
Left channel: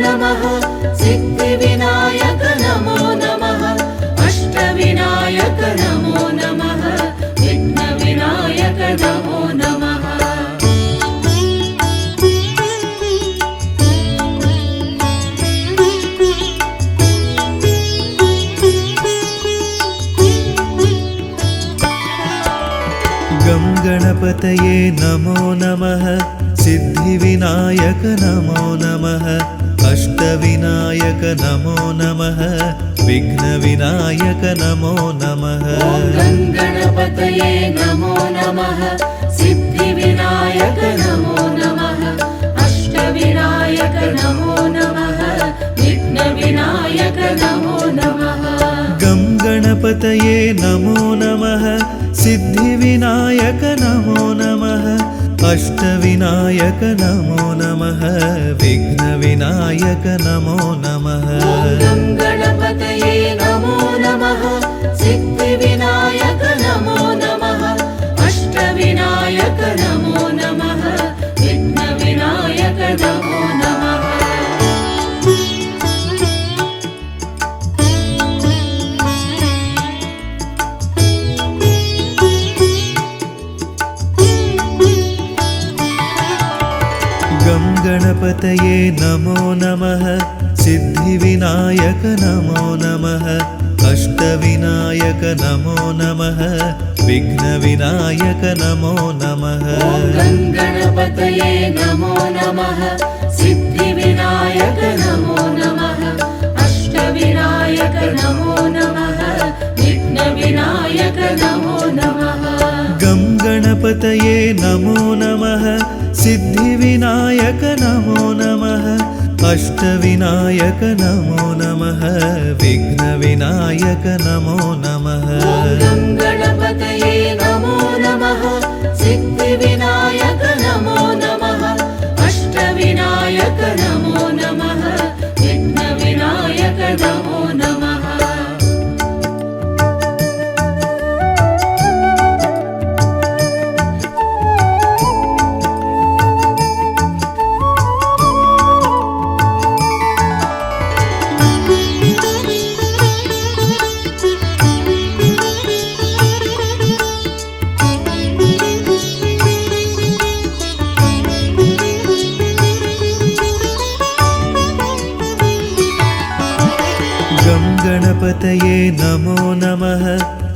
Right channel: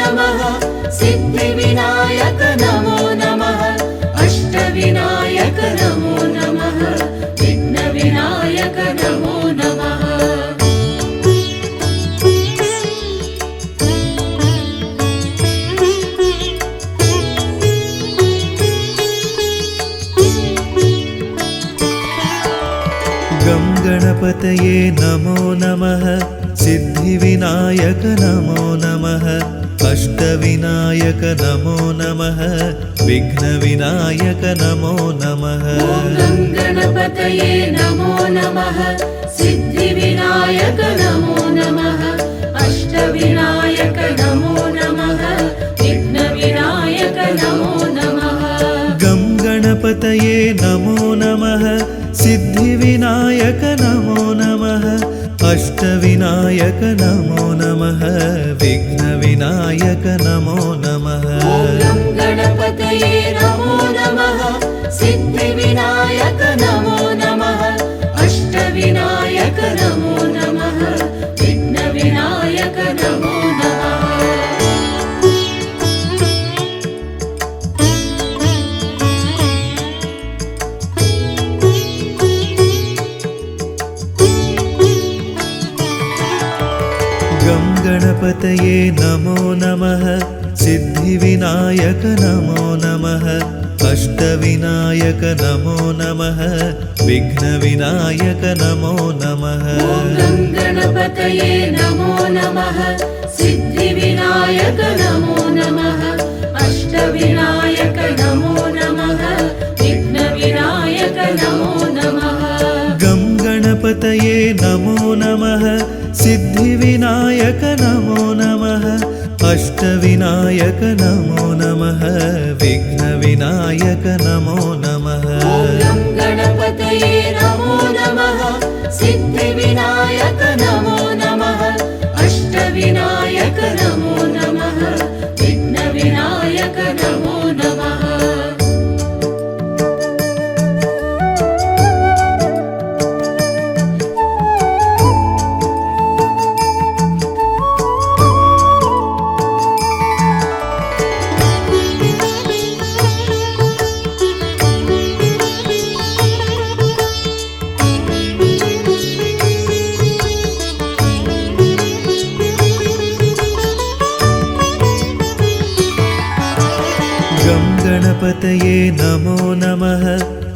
नमः सिद्धिविनायक नमो नमः अष्टविनायक नमो नमः विघ्नविनायक नमो नमः गं गणपतये नमो नमः सिद्धिविनायक नमो नमः अष्टविनायक नमो नमः विघ्नविनायक नमो नमः गणपतये नमो नमः सिद्धिविनायक नमो नमः अष्टविनायक नमो नमः विघ्नविनायक नमो नमः गं गणपतये नमो नमः सिद्धिविनायक नमो नमः अष्टविनायक नमो नमः विघ्नविनायक नमो नमः गणपतये नमो नमः सिद्धिविनायक नमो नमः अष्टविनायक नमो नमः विघ्नविनायक नमो नमः गं गणपतये नमो नमः सिद्धिविनायक नमो नमः अष्टविनायक नमो नमः विघ्नविनायक नमो नमः गणपतये नमो नमः सिद्धिविनायक नमो नमः अष्टविनायक नमो नमः विघ्नविनायक नमो नमः गं गणपतये नमो नमः सिद्धिविनायक नमो नमः अष्टविनायक नमो नमः विघ्नविनायक नमो नमः गणपतये नमो नमः सिद्धिविनायक नमो नमः अष्टविनायक नमो नमः विघ्नविनायक नमो नमः गणपतये नमो नमः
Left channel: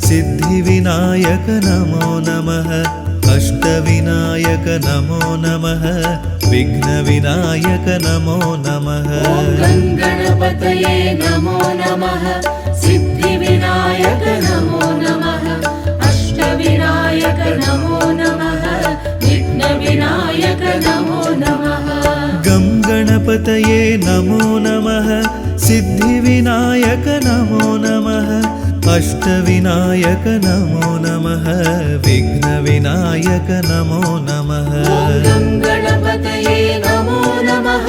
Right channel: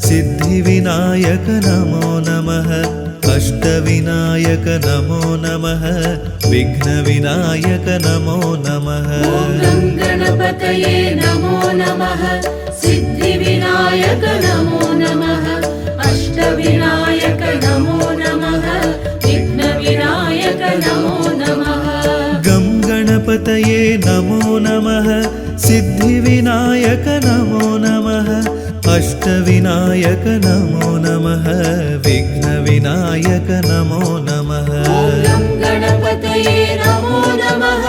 सिद्धिविनायक नमो नमः अष्टविनायक नमो नमः विघ्नविनायक नमो नमः गणपतये नमो नमः सिद्धिविनायक नमो नमः अष्टविनायक नमो नमः विघ्नविनायक नमो नमः गं गणपतये नमो नमः सिद्धिविनायक नमो नमः अष्टविनायक नमो नमः विघ्नविनायक नमो नमः गणपतये नमो नमः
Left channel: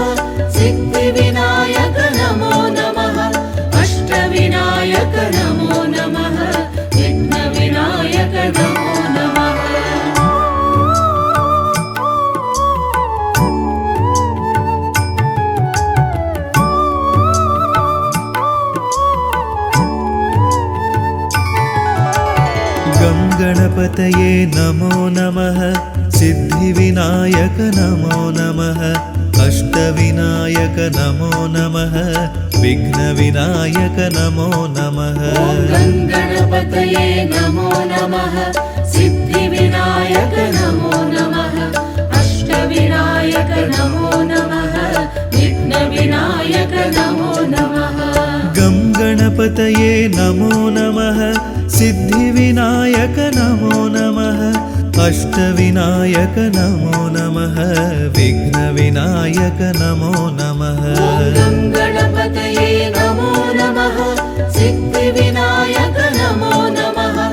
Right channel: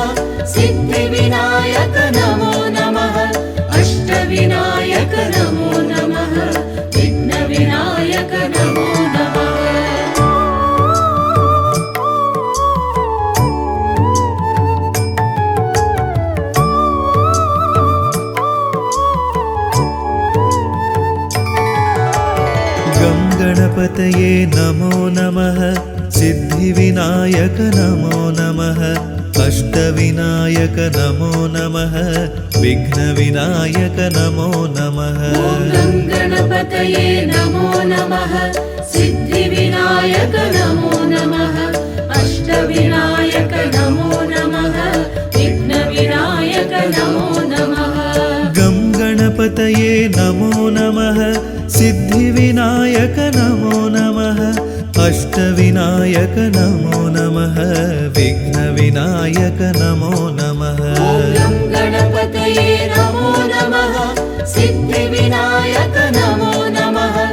सिद्धिविनायक नमो नमः अष्टविनायक नमो नमः विघ्नविनायक नमो नमः गं गणपतये नमो नमः सिद्धिविनायक नमो नमः अष्टविनायक नमो नमः विघ्नविनायक नमो नमः गणपतये नमो नमः सिद्धिविनायक नमो नमः अष्टविनायक नमो नमः विघ्नविनायक नमो नमः गं गणपतये नमो नमः सिद्धिविनायक नमो नमः अष्टविनायक नमो नमः विघ्नविनायक नमो नमः गणपतये नमो नमः सिद्धिविनायक नमो नमः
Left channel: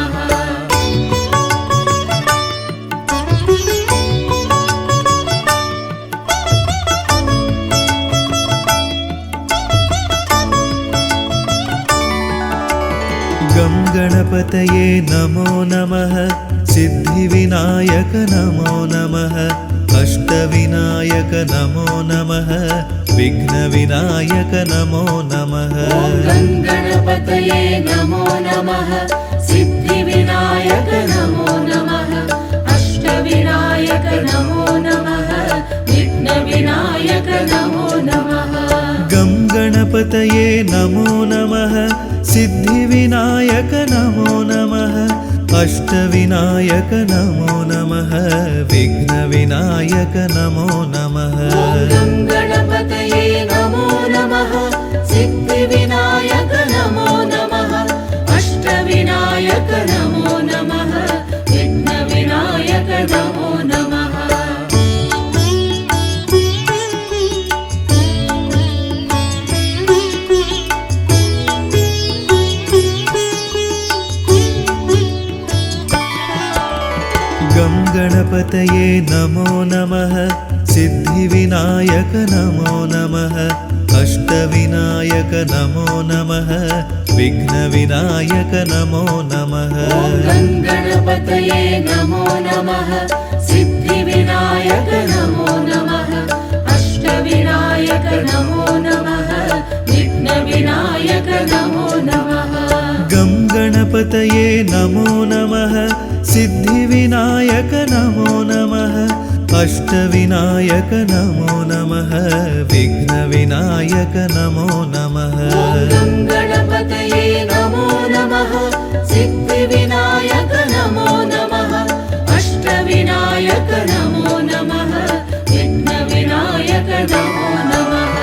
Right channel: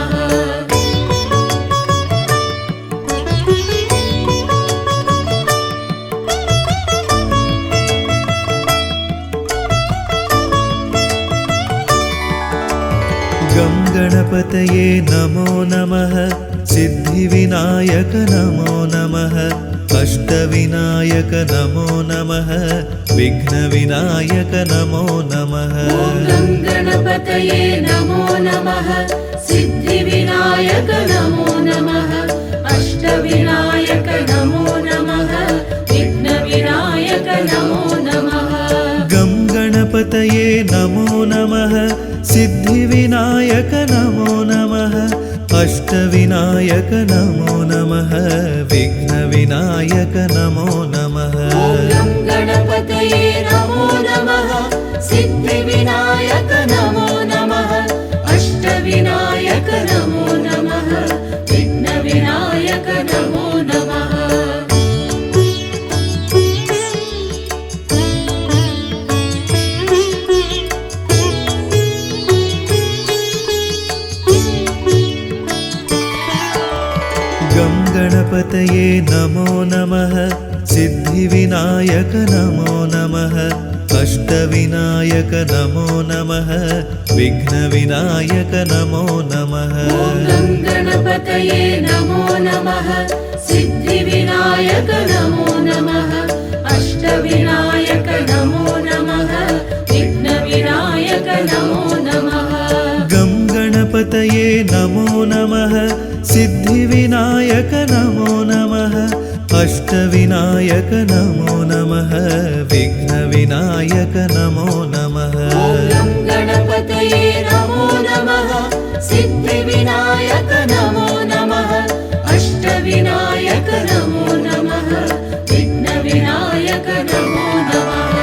अष्टविनायक नमो नमः विघ्नविनायक नमो नमः गं गणपतये नमो नमः सिद्धिविनायक नमो नमः अष्टविनायक नमो नमः विघ्नविनायक नमो नमः गणपतये नमो नमः सिद्धिविनायक नमो नमः अष्टविनायक नमो नमः विघ्नविनायक नमो नमः गं गणपतये नमो नमः सिद्धिविनायक नमो नमः अष्टविनायक नमो नमः विघ्नविनायक नमो नमः गणपतये नमो नमः सिद्धिविनायक नमो नमः अष्टविनायक नमो नमः विघ्नविनायक नमो नमः गं गणपतये नमो नमः सिद्धिविनायक नमो नमः अष्टविनायक नमो नमः विघ्नविनायक नमो नमः गणपतये नमो नमः सिद्धिविनायक नमो नमः अष्टविनायक नमो नमः विघ्नविनायक नमो नमः गं गणपतये नमो नमः सिद्धिविनायक नमो नमः अष्टविनायक नमो नमः विघ्नविनायक नमो नमः गणपतये नमो नमः सिद्धिविनायक नमो नमः अष्टविनायक नमो नमः विघ्नविनायक नमो नमः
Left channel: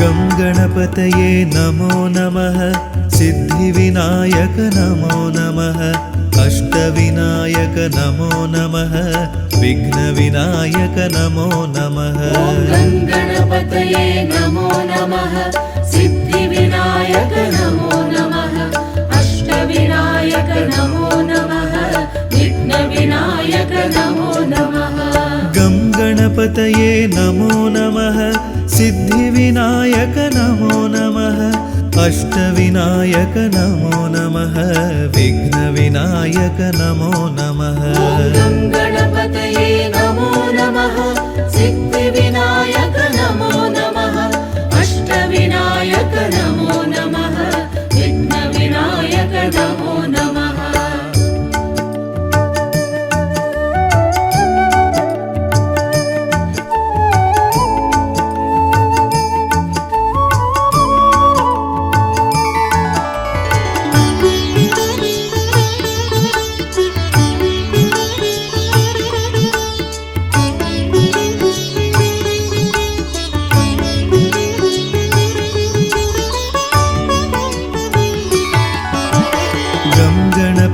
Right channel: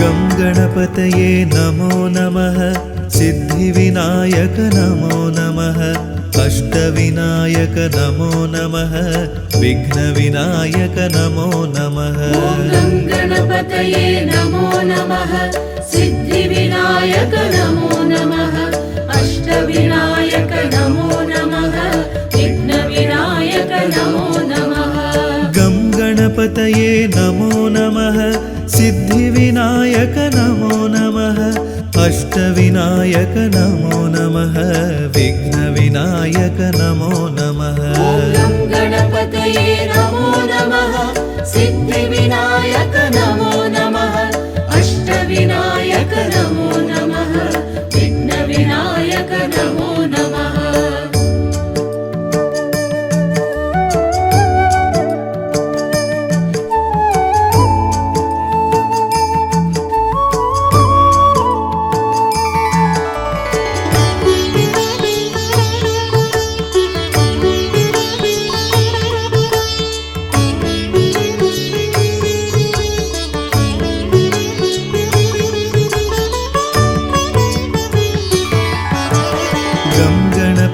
गं गणपतये नमो नमः सिद्धिविनायक नमो नमः अष्टविनायक नमो नमः विघ्नविनायक नमो नमः गणपतये नमो नमः सिद्धिविनायक नमो नमः अष्टविनायक नमो नमः विघ्नविनायक नमो नमः गं गणपतये नमो नमः सिद्धिविनायक नमो नमः अष्टविनायक नमो नमः विघ्नविनायक नमो नमः गणपतये नमो नमः सिद्धिविनायक नमो नमः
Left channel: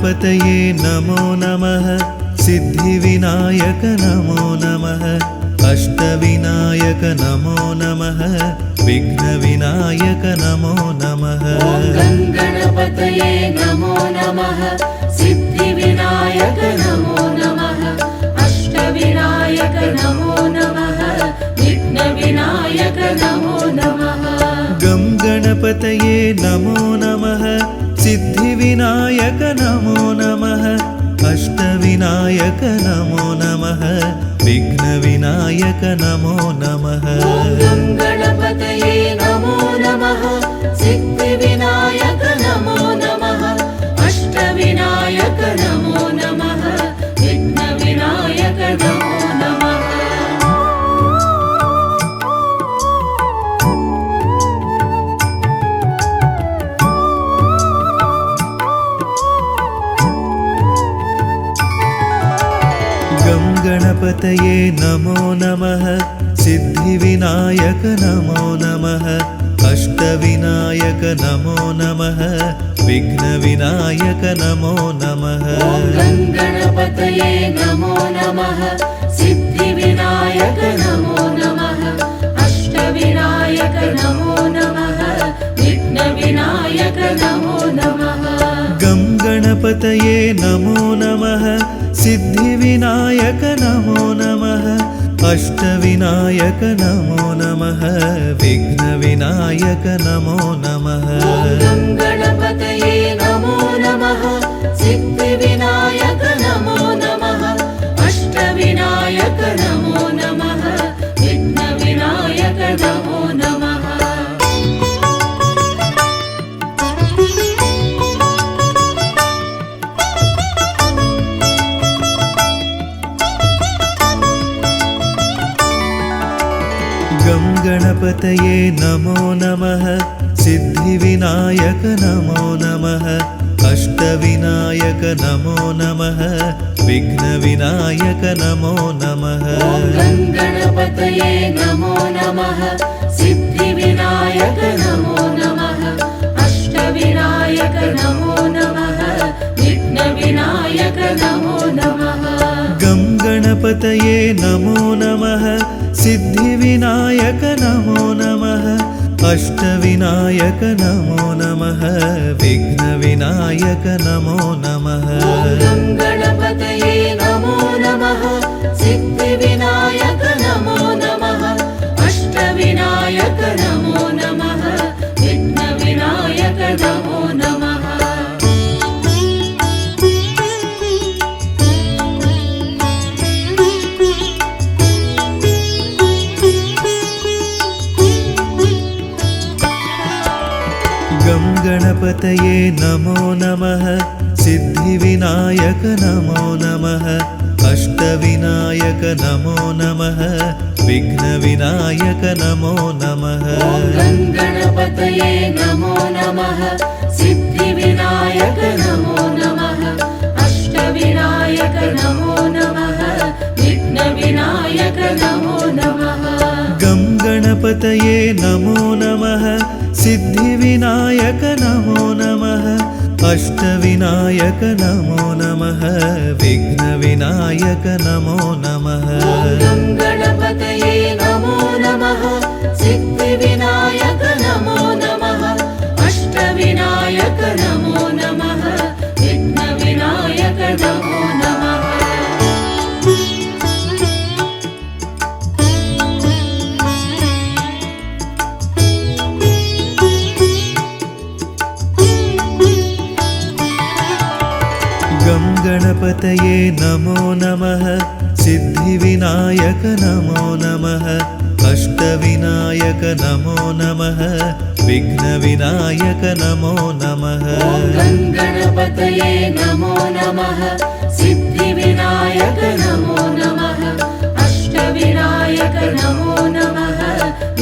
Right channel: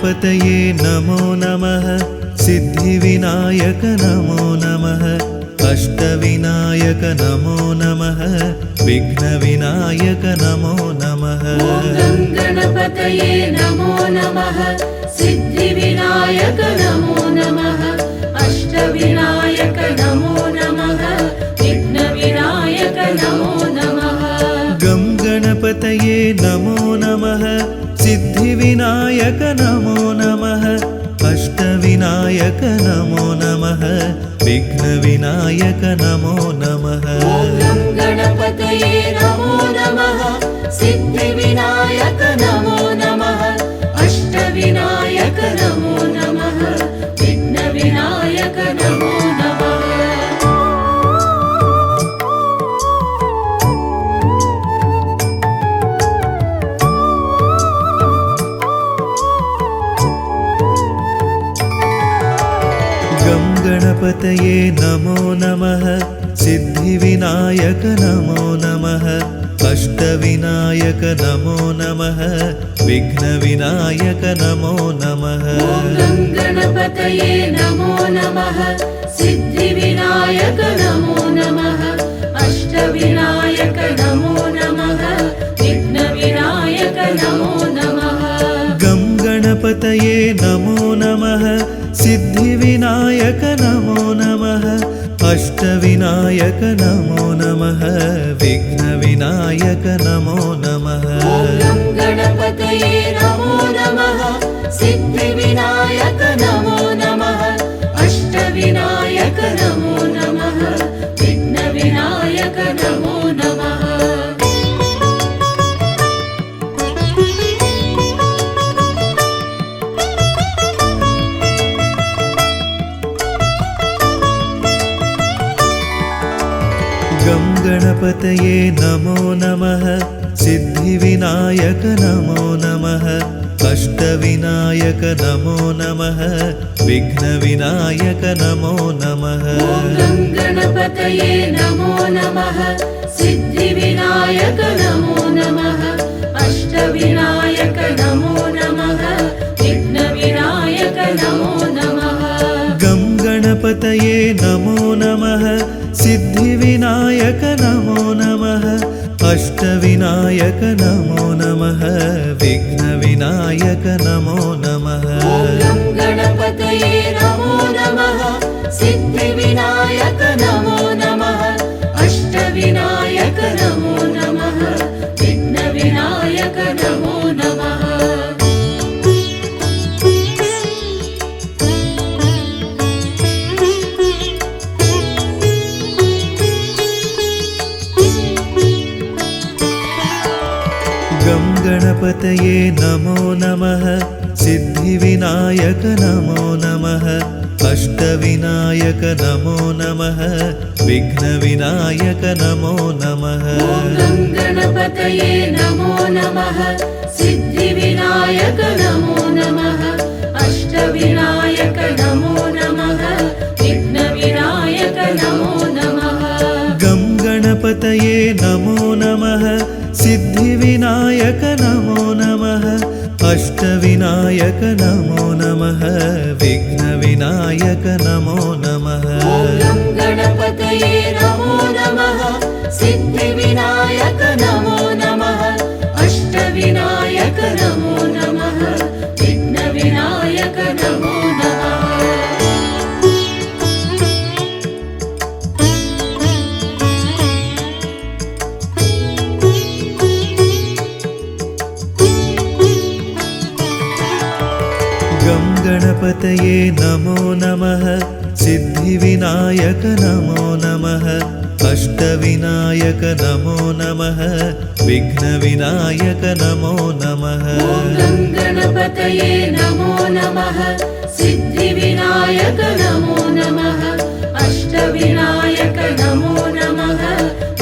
गणपतये नमो नमः सिद्धिविनायक नमो नमः अष्टविनायक नमो नमः विघ्नविनायक नमो नमः गणपतये नमो नमः सिद्धिविनायक नमो नमः अष्टविनायक नमो नमः विघ्नविनायक नमो नमः गं गणपतये नमो नमः सिद्धिविनायक नमो नमः अष्टविनायक नमो नमः विघ्नविनायक नमो नमः गणपतये नमो नमः सिद्धिविनायक नमो नमः अष्टविनायक नमो नमः विघ्नविनायक नमो नमः गं गणपतये नमो नमः सिद्धिविनायक नमो नमः अष्टविनायक नमो नमः विघ्नविनायक नमो नमः गणपतये नमो नमः सिद्धिविनायक नमो नमः अष्टविनायक नमो नमः विघ्नविनायक नमो नमः गं गणपतये नमो नमः सिद्धिविनायक नमो नमः अष्टविनायक नमो नमः विघ्नविनायक नमो नमः गणपतये नमो नमः सिद्धिविनायक नमो नमः अष्टविनायक नमो नमः विघ्नविनायक नमो नमः गं गणपतये नमो नमः सिद्धिविनायक नमो नमः अष्टविनायक नमो नमः विघ्नविनायक नमो नमः गणपतये नमो नमः सिद्धिविनायक नमो नमः अष्टविनायक नमो नमः विघ्नविनायक नमो नमः गं गणपतये नमो नमः सिद्धिविनायक नमो नमः अष्टविनायक नमो नमः विघ्नविनायक नमो नमः गणपतये नमो नमः सिद्धिविनायक नमो नमः अष्टविनायक नमो नमः विघ्नविनायक नमो नमः गं गणपतये नमो नमः सिद्धिविनायक नमो नमः अष्टविनायक नमो नमः विघ्नविनायक नमो नमः गणपतये नमो नमः सिद्धिविनायक नमो नमः अष्टविनायक नमो नमः विघ्नविनायक नमो नमः गं गणपतये नमो नमः सिद्धिविनायक नमो नमः अष्टविनायक नमो नमः विघ्नविनायक नमो नमः गणपतये नमो नमः सिद्धिविनायक नमो नमः अष्टविनायक नमो नमः विघ्नविनायक नमो नमः गं गणपतये नमो नमः सिद्धिविनायक नमो नमः अष्टविनायक नमो नमः विघ्नविनायक नमो नमः गणपतये नमो नमः सिद्धिविनायक नमो नमः अष्टविनायक नमो नमः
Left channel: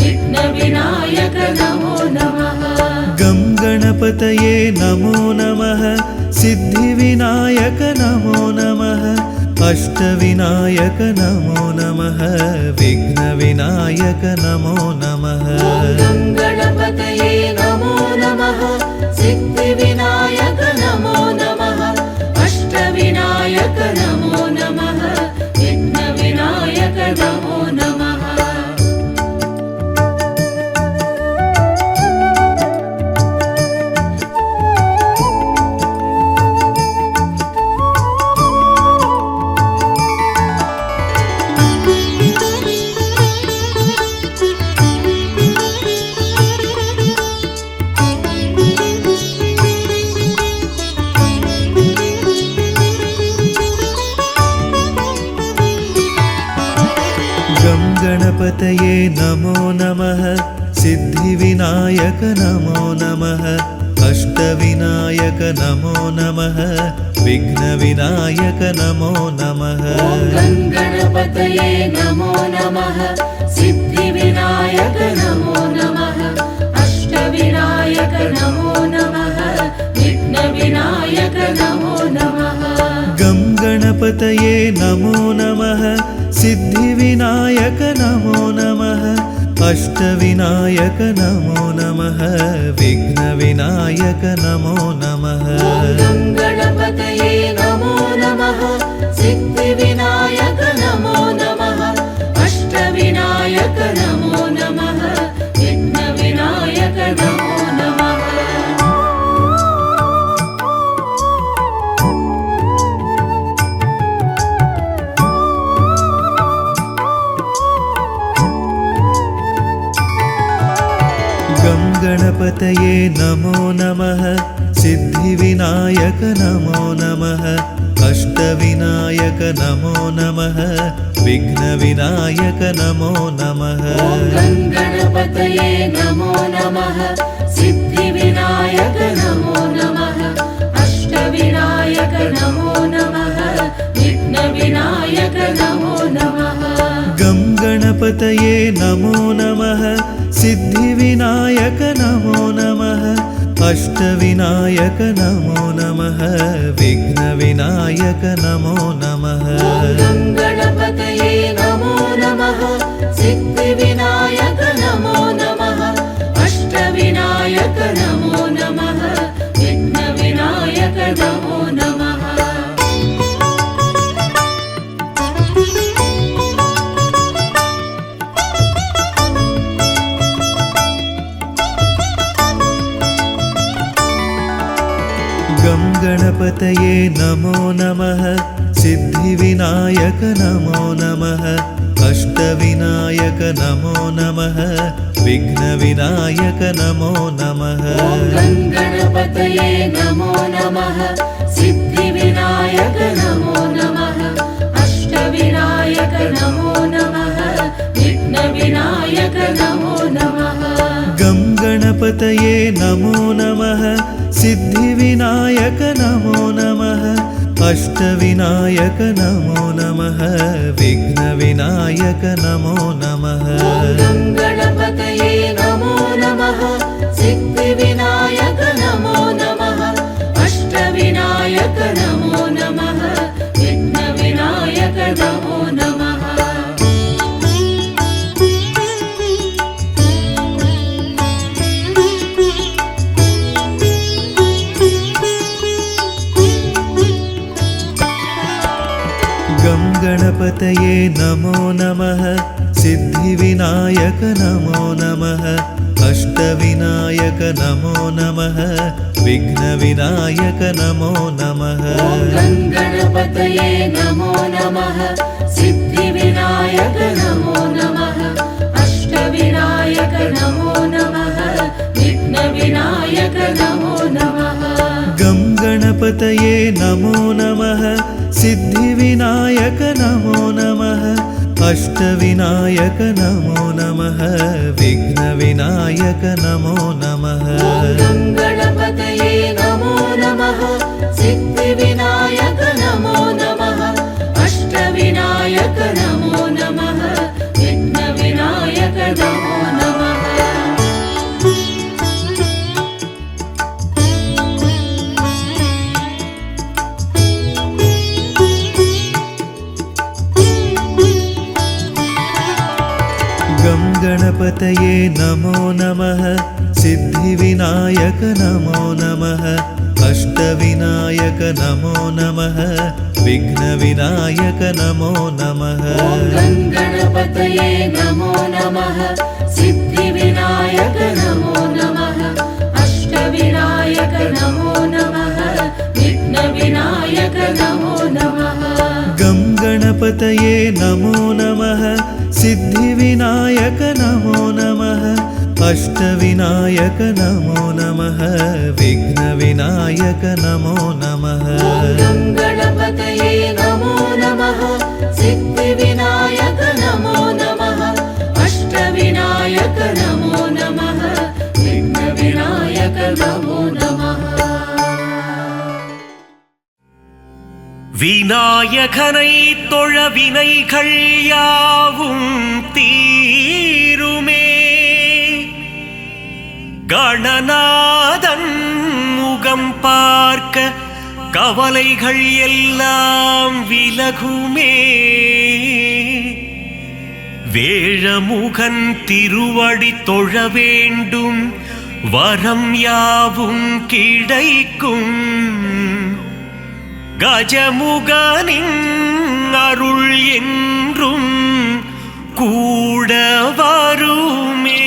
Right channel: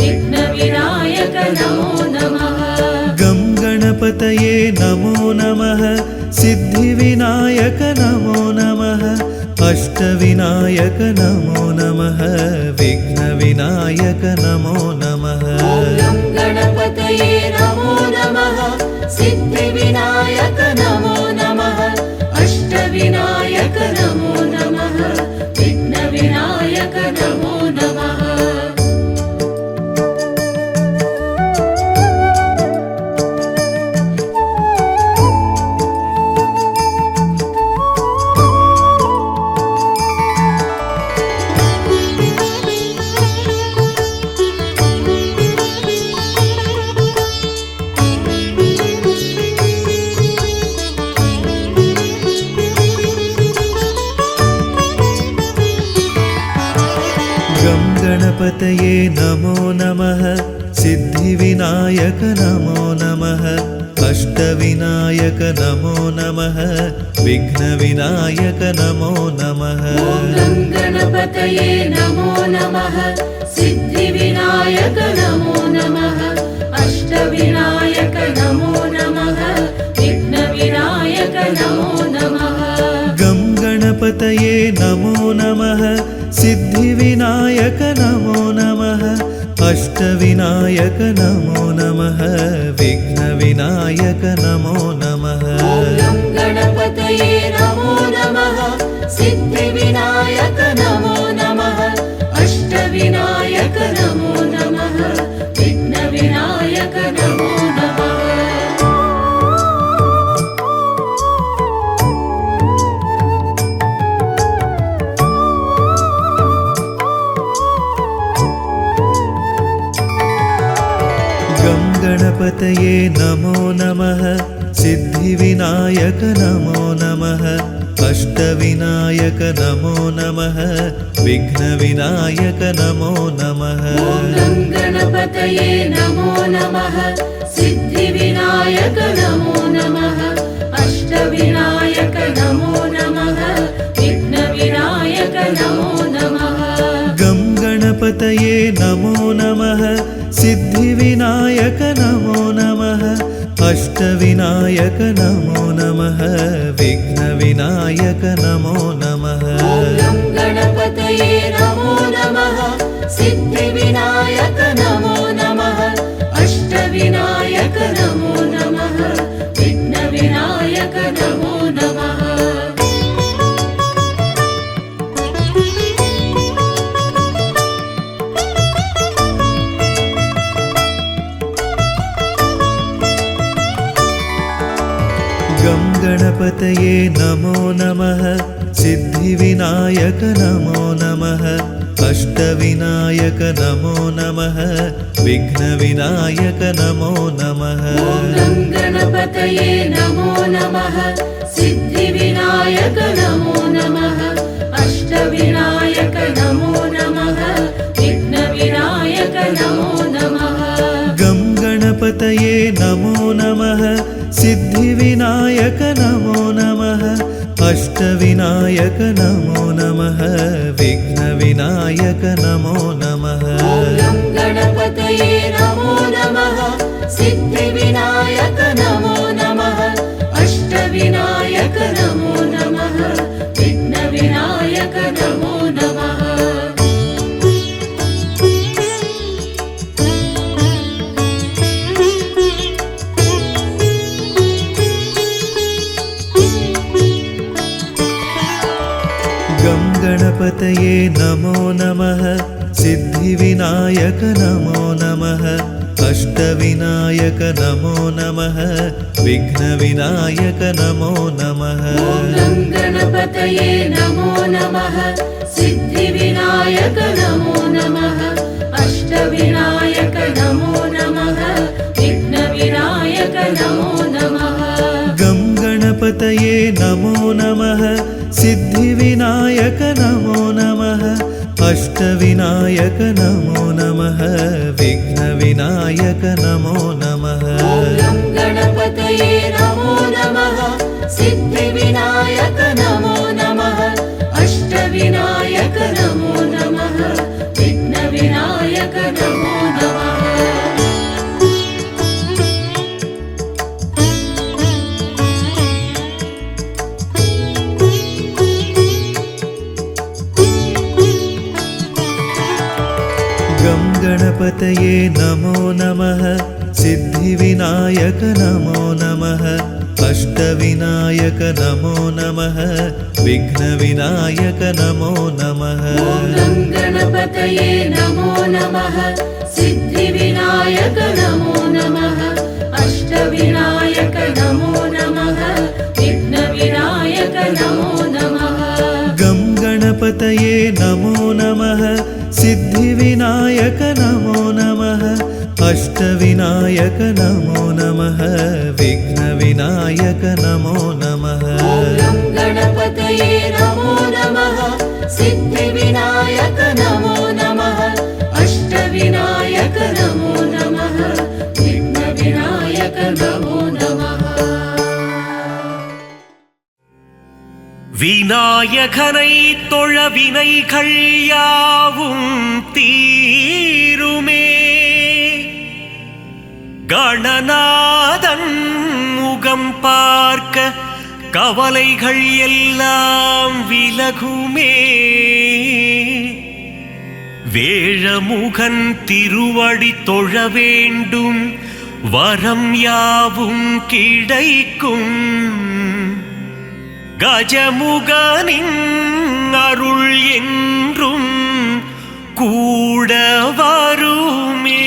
विघ्नविनायक नमो नमः गं गणपतये नमो नमः सिद्धिविनायक नमो नमः अष्टविनायक नमो नमः विघ्नविनायक नमो नमः गणपतये नमो नमः सिद्धिविनायक नमो नमः गं गणपतये नमो नमः सिद्धिविनायक नमो नमः अष्टविनायक नमो नमः विघ्नविनायक नमो नमः गं गणपतये नमो नमः सिद्धिविनायक नमो नमः अष्टविनायक नमो नमः विघ्नविनायक नमो नमः गं गणपतये नमो नमः सिद्धिविनायक नमो नमः अष्टविनायक नमो नमः विघ्नविनायक नमो नमः गं गणपतये नमो नमः सिद्धिविनायक नमो नमः अष्टविनायक नमो नमः विघ्नविनायक नमो नमः गं गणपतये नमो नमः सिद्धिविनायक नमो नमः अष्टविनायक नमो नमः विघ्नविनायक नमो नमः गं गणपतये नमो नमः सिद्धिविनायक नमो नमः अष्टविनायक नमो नमः विघ्नविनायक नमो नमः गं गणपतये नमो नमः सिद्धिविनायक नमो नमः अष्टविनायक नमो नमः विघ्नविनायक नमो नमः गं गणपतये नमो नमः सिद्धिविनायक नमो नमः अष्टविनायक नमो नमः विघ्नविनायक नमो नमः गं गणपतये नमो नमः सिद्धिविनायक नमो नमः अष्टविनायक नमो नमः विघ्नविनायक नमो नमः गं गणपतये नमो नमः सिद्धिविनायक नमो नमः अष्टविनायक नमो नमः विघ्नविनायक नमो नमः गं गणपतये नमो नमः सिद्धिविनायक नमो नमः अष्टविनायक नमो नमः विघ्नविनायक नमो नमः गं गणपतये नमो नमः सिद्धिविनायक नमो नमः अष्टविनायक नमो नमः विघ्नविनायक नमो नमः गं गणपतये नमो नमः सिद्धिविनायक नमो नमः अष्टविनायक नमो नमः विघ्नविनायक नमो नमः गं गणपतये नमो नमः सिद्धिविनायक नमो नमः अष्टविनायक नमो नमः विघ्नविनायक नमो नमः गं गणपतये नमो नमः सिद्धिविनायक नमो नमः अष्टविनायक नमो नमः विघ्नविनायक नमो नमः गं गणपतये नमो नमः सिद्धिविनायक नमो नमः अष्टविनायक नमो नमः विघ्नविनायक नमो नमः गं गणपतये नमो नमः सिद्धिविनायक नमो नमः अष्टविनायक नमो नमः विघ्नविनायक नमो नमः गं गणपतये नमो नमः सिद्धिविनायक नमो नमः अष्टविनायक नमो नमः विघ्नविनायक नमो नमः गं गणपतये नमो नमः सिद्धिविनायक नमो नमः अष्टविनायक नमो नमः विघ्नविनायक नमो नमः गं गणपतये नमो नमः सिद्धिविनायक नमो नमः விநாயகனை தொழ வினைகள் யாவும் தீருமே. கணநாதன் முகம் பார்க்க கவலைகள் எல்லாம் விலகுமே. வேழமுகன் திருவடி தொழ வேண்டும், வரம் யாவும் கிடைக்கும். கஜமுகனின் அருள் என்றும் கூட வருமே.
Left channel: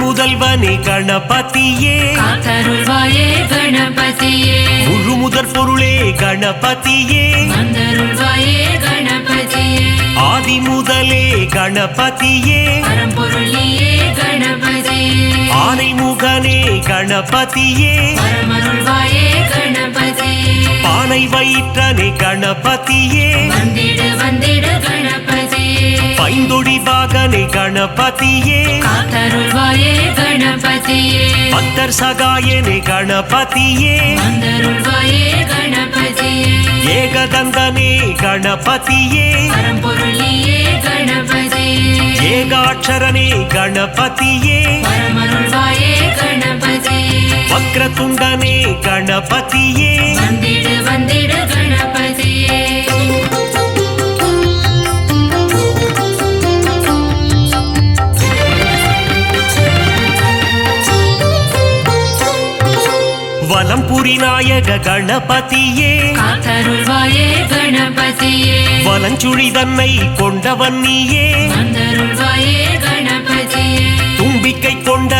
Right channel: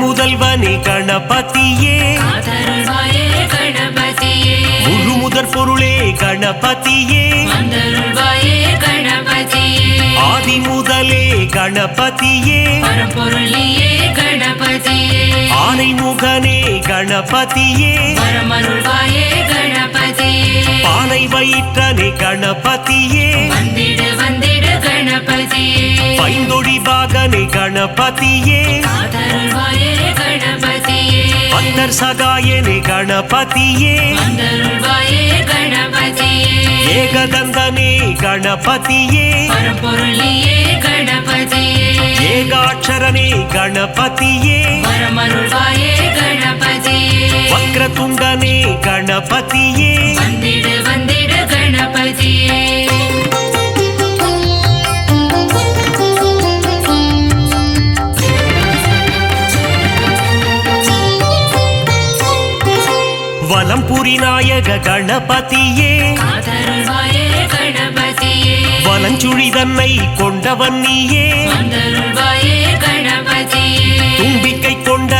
முதல்வனே கணபதியே, அருள்வாயே கணபதியே, முழு முதற் பொருளே கணபதியே, அருள்வாயே கணபதியே, ஆதி முதலே கணபதியே, பரம்பொருளியே கணபதியே, ஆனை முகனே கணபதியே, பரமருள்வாயே கணபதியே, பானை வயிற்றனே கணபதியே, வந்திடு வந்திடு கணபதியே, பைந்தொடி பாகனே கணபதியே, அருள்வாயே கணபதியே, பக்தர் சகாயனே கணபதியே, அருள்வாயே கணபதியே, ஏகதந்தனே கணபதியே, பரம்பொருளியே கணபதியே, ஏகாட்சரனே கணபதியே, பரமருள்வாயே கணபதியே, வக்ரதுண்டனே கணபதியே, வந்திடு வந்திடு கணபதியே. வலம்புரி நாயக கணபதியே, அருள்வாயே கணபதியே, வலஞ்சுழி தன்னை கொண்டவன் நீயே, அருள்வாயே கணபதியே, தும்பிக்கை கொண்ட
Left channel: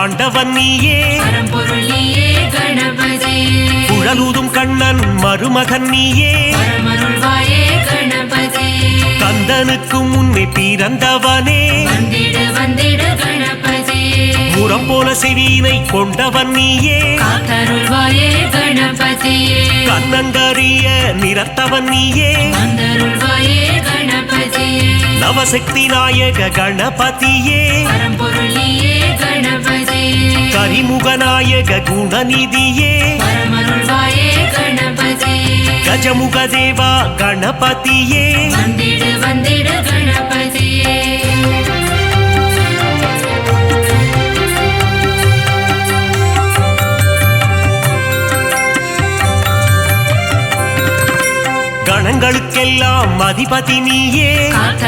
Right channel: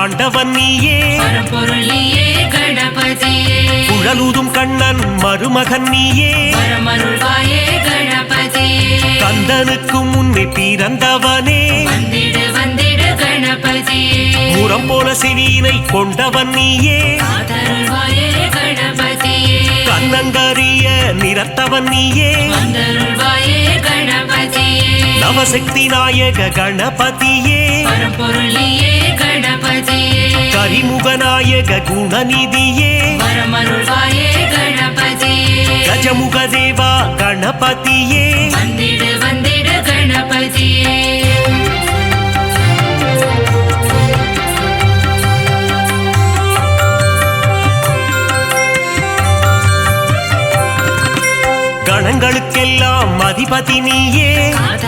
ஆண்டவன் நீயே, பரம்பொருளியே கணபதியே, குழலூதும் கண்ணன் மருமகன் நீயே, பரமருள்வாயே கணபதியே, கந்தனுக்கு முன்னே பிறந்தவனே, வந்திடு வந்திடு கணபதியே, முரம் போல செவியினை கொண்டவன் நீயே, அருள்வாயே கணபதியே, கண்ணங்கரிய நிறத்தவன் நீயே, அருள்வாயே கணபதியே, நவசக்தி நாயக கணபதியே, பரம்பொருளியே கணபதியே, கரிமுகநாயக குணநிதியே, பரமருள்வாயே கணபதியே, கஜமுக தேவா கணபதியே, வந்திடு வந்திடு கணபதியே. கணங்களுக்கெல்லாம் அதிபதி நீயே,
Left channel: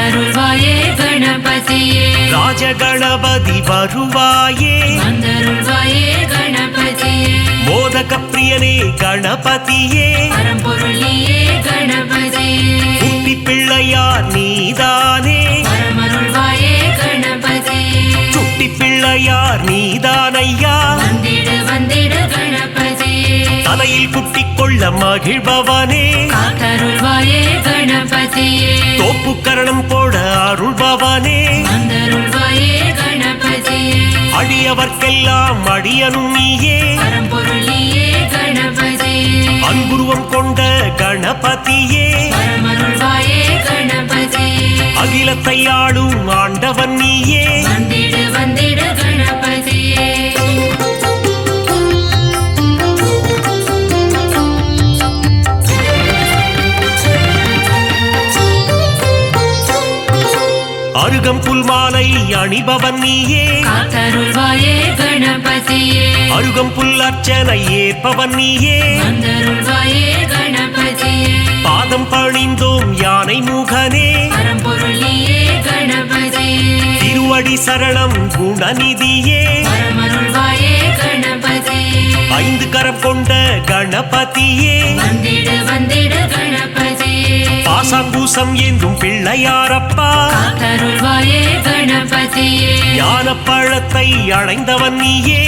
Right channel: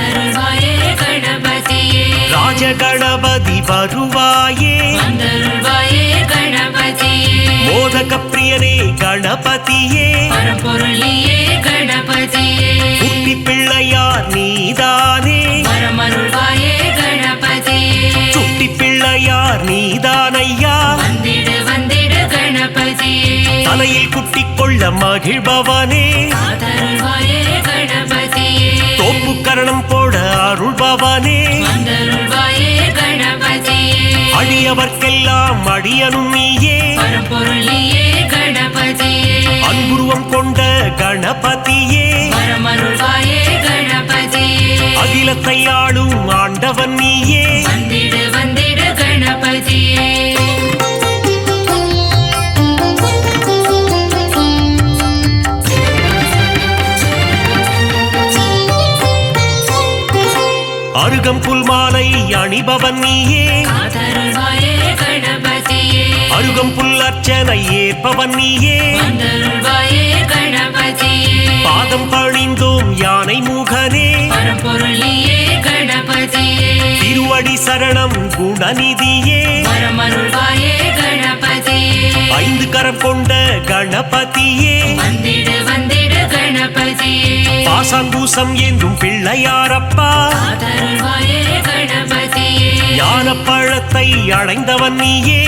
அருள்வாயே கணபதியே, ராஜகணபதி வருவாயே, அருள்வாயே கணபதியே, மோதக பிரியனே கணபதியே, பரம்பொருளியே கணபதியே, குட்டி பிள்ளையார் நீதானே, பரமருள்வாயே கணபதியே, சுட்டி பிள்ளையார் நீதானையா, வந்திடு வந்திடு கணபதியே, தலையில் குட்டி கொள்ள மகிழ்பவனே, அருள்வாயே கணபதியே, தோப்பு கரணம் போட அருள்பவனே, அருள்வாயே கணபதியே, அடியவர்க்கெல்லாம் அடியனும் நீயே, பரம்பொருளியே கணபதியே, அன்புருவம் கொண்ட கணபதியே, பரமருள்வாயே கணபதியே, அகிலத்தை ஆளும் ஆண்டவன் நீயே, வந்திடு வந்திடு கணபதியே. அருகம்புல் மாலை அணிபவன் நீயே, அருள்வாயே கணபதியே, அருகம்புல் அர்ச்சனை ஏற்பவன் நீயே, அருள்வாயே கணபதியே, பாதம் பணிந்தோம் யானை முகனே, பரம்பொருளியே கணபதியே, திருவடி சரணம் குணநிதியே, பரமருள்வாயே கணபதியே, ஐந்து கரம் கொண்ட கணபதியே, வந்திடு வந்திடு கணபதியே, பாசாங்கூசம் ஏந்தும் பிள்ளையாரப்பா, அருள்வாயே கணபதியே, ஞான பழத்தை அடைந்தவன் நீயே,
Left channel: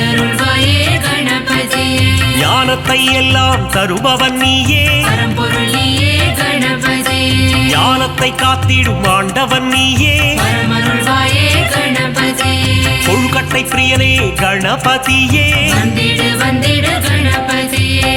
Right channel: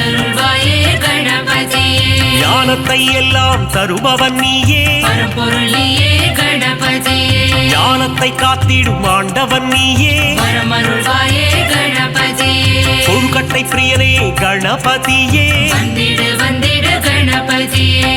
அருள்வாயே கணபதியே, ஞானத்தை எல்லாம் தருபவன் நீயே, பரம்பொருளியே கணபதியே, ஞானத்தை காத்திடும் ஆண்டவன் நீயே, பரமருள்வாயே இரட்டை பிரியனே கணபதியே வந்திடு வந்திடு கணபதியே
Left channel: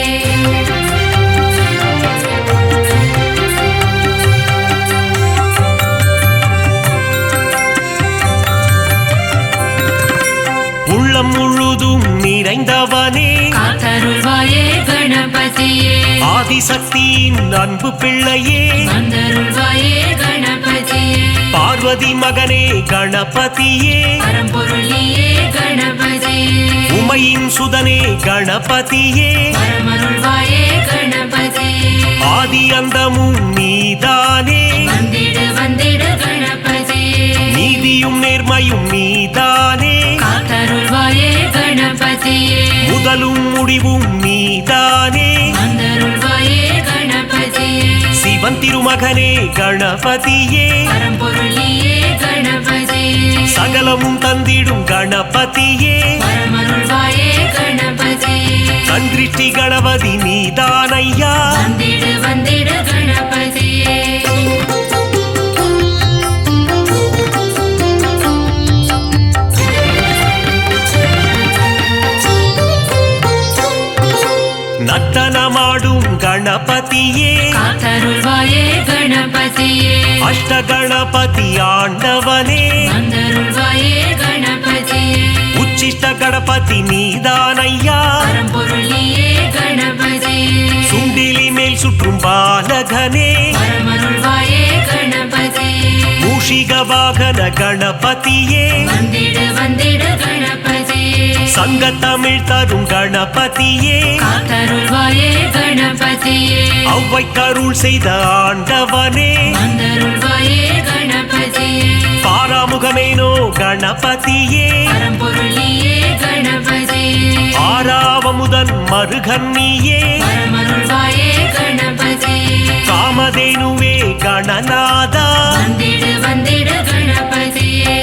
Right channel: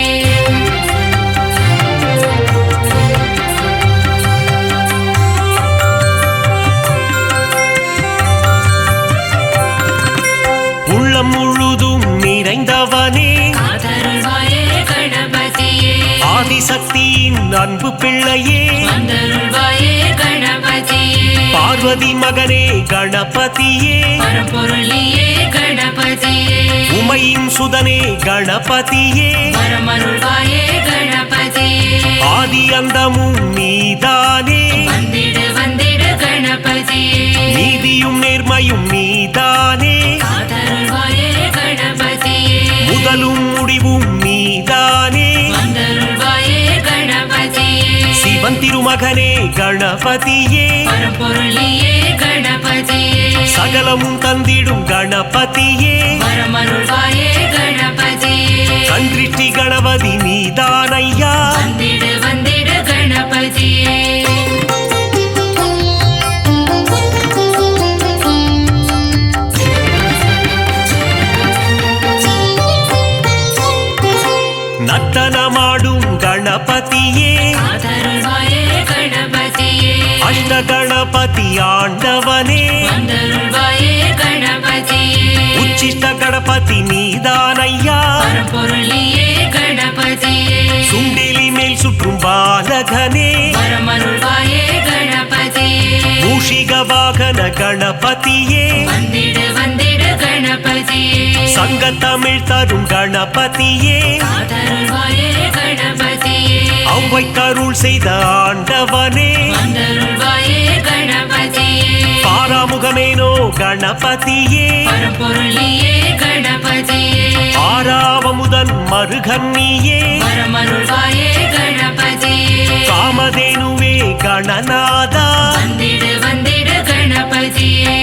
உள்ளம் முழுதும் நிறைந்தவனே காத்தருள்வாயே கணபதியே ஆதிசக்தியின் அன்பு பிள்ளையே வந்தருள்வாயே கணபதியே பார்வதி மகனே கணபதியே பரம்பொருளியே கணபதியே உமையின் சுதனே கணபதியே பரமருள்வாயே கணபதியே ஆதி அந்தமும் நீதானே வந்திடு வந்திடு கணபதியே நீதியும் நேர்மையும் நீதானே காத்தருள்வாயே கணபதியே முதலும் முடிவும் நீதானே வந்தருள்வாயே கணபதியே சிவன் திருமகனே கணபதியே பரம்பொருளியே கணபதியே சகலமும் தந்திடும் கணபதியே பரமருள்வாயே கணபதியே கண்திருஷ்டி கணபதி நீதானையா வந்திடு வந்திடு கணபதியே நர்த்தனமாடும் கணபதியே காத்தருள்வாயே கணபதியே அஷ்ட கணபதி ஆண்டவனே வந்தருள்வாயே கணபதியே உச்சிஷ்ட கணபதி நீதானையா பரம்பொருளியே கணபதியே சுண்டிலி மேல் சுற்றும் பாலகனே பரமருள்வாயே கணபதியே மூஷிக வாகன கணபதியே வந்திடு வந்திடு கணபதியே சங்க தமிழ் தரும் கணபதியே காத்தருள்வாயே கணபதியே அவ்வை கருள் செய்த ஆண்டவனே வந்தருள்வாயே கணபதியே பாராமுகமேனோ கணபதியே பரம்பொருளியே கணபதியே ஆறாவமுதன் மருகன்னியே பரமருள்வாயே கணபதியே காமதேனுவே கணநாதா வந்திடு வந்திடு கணபதியே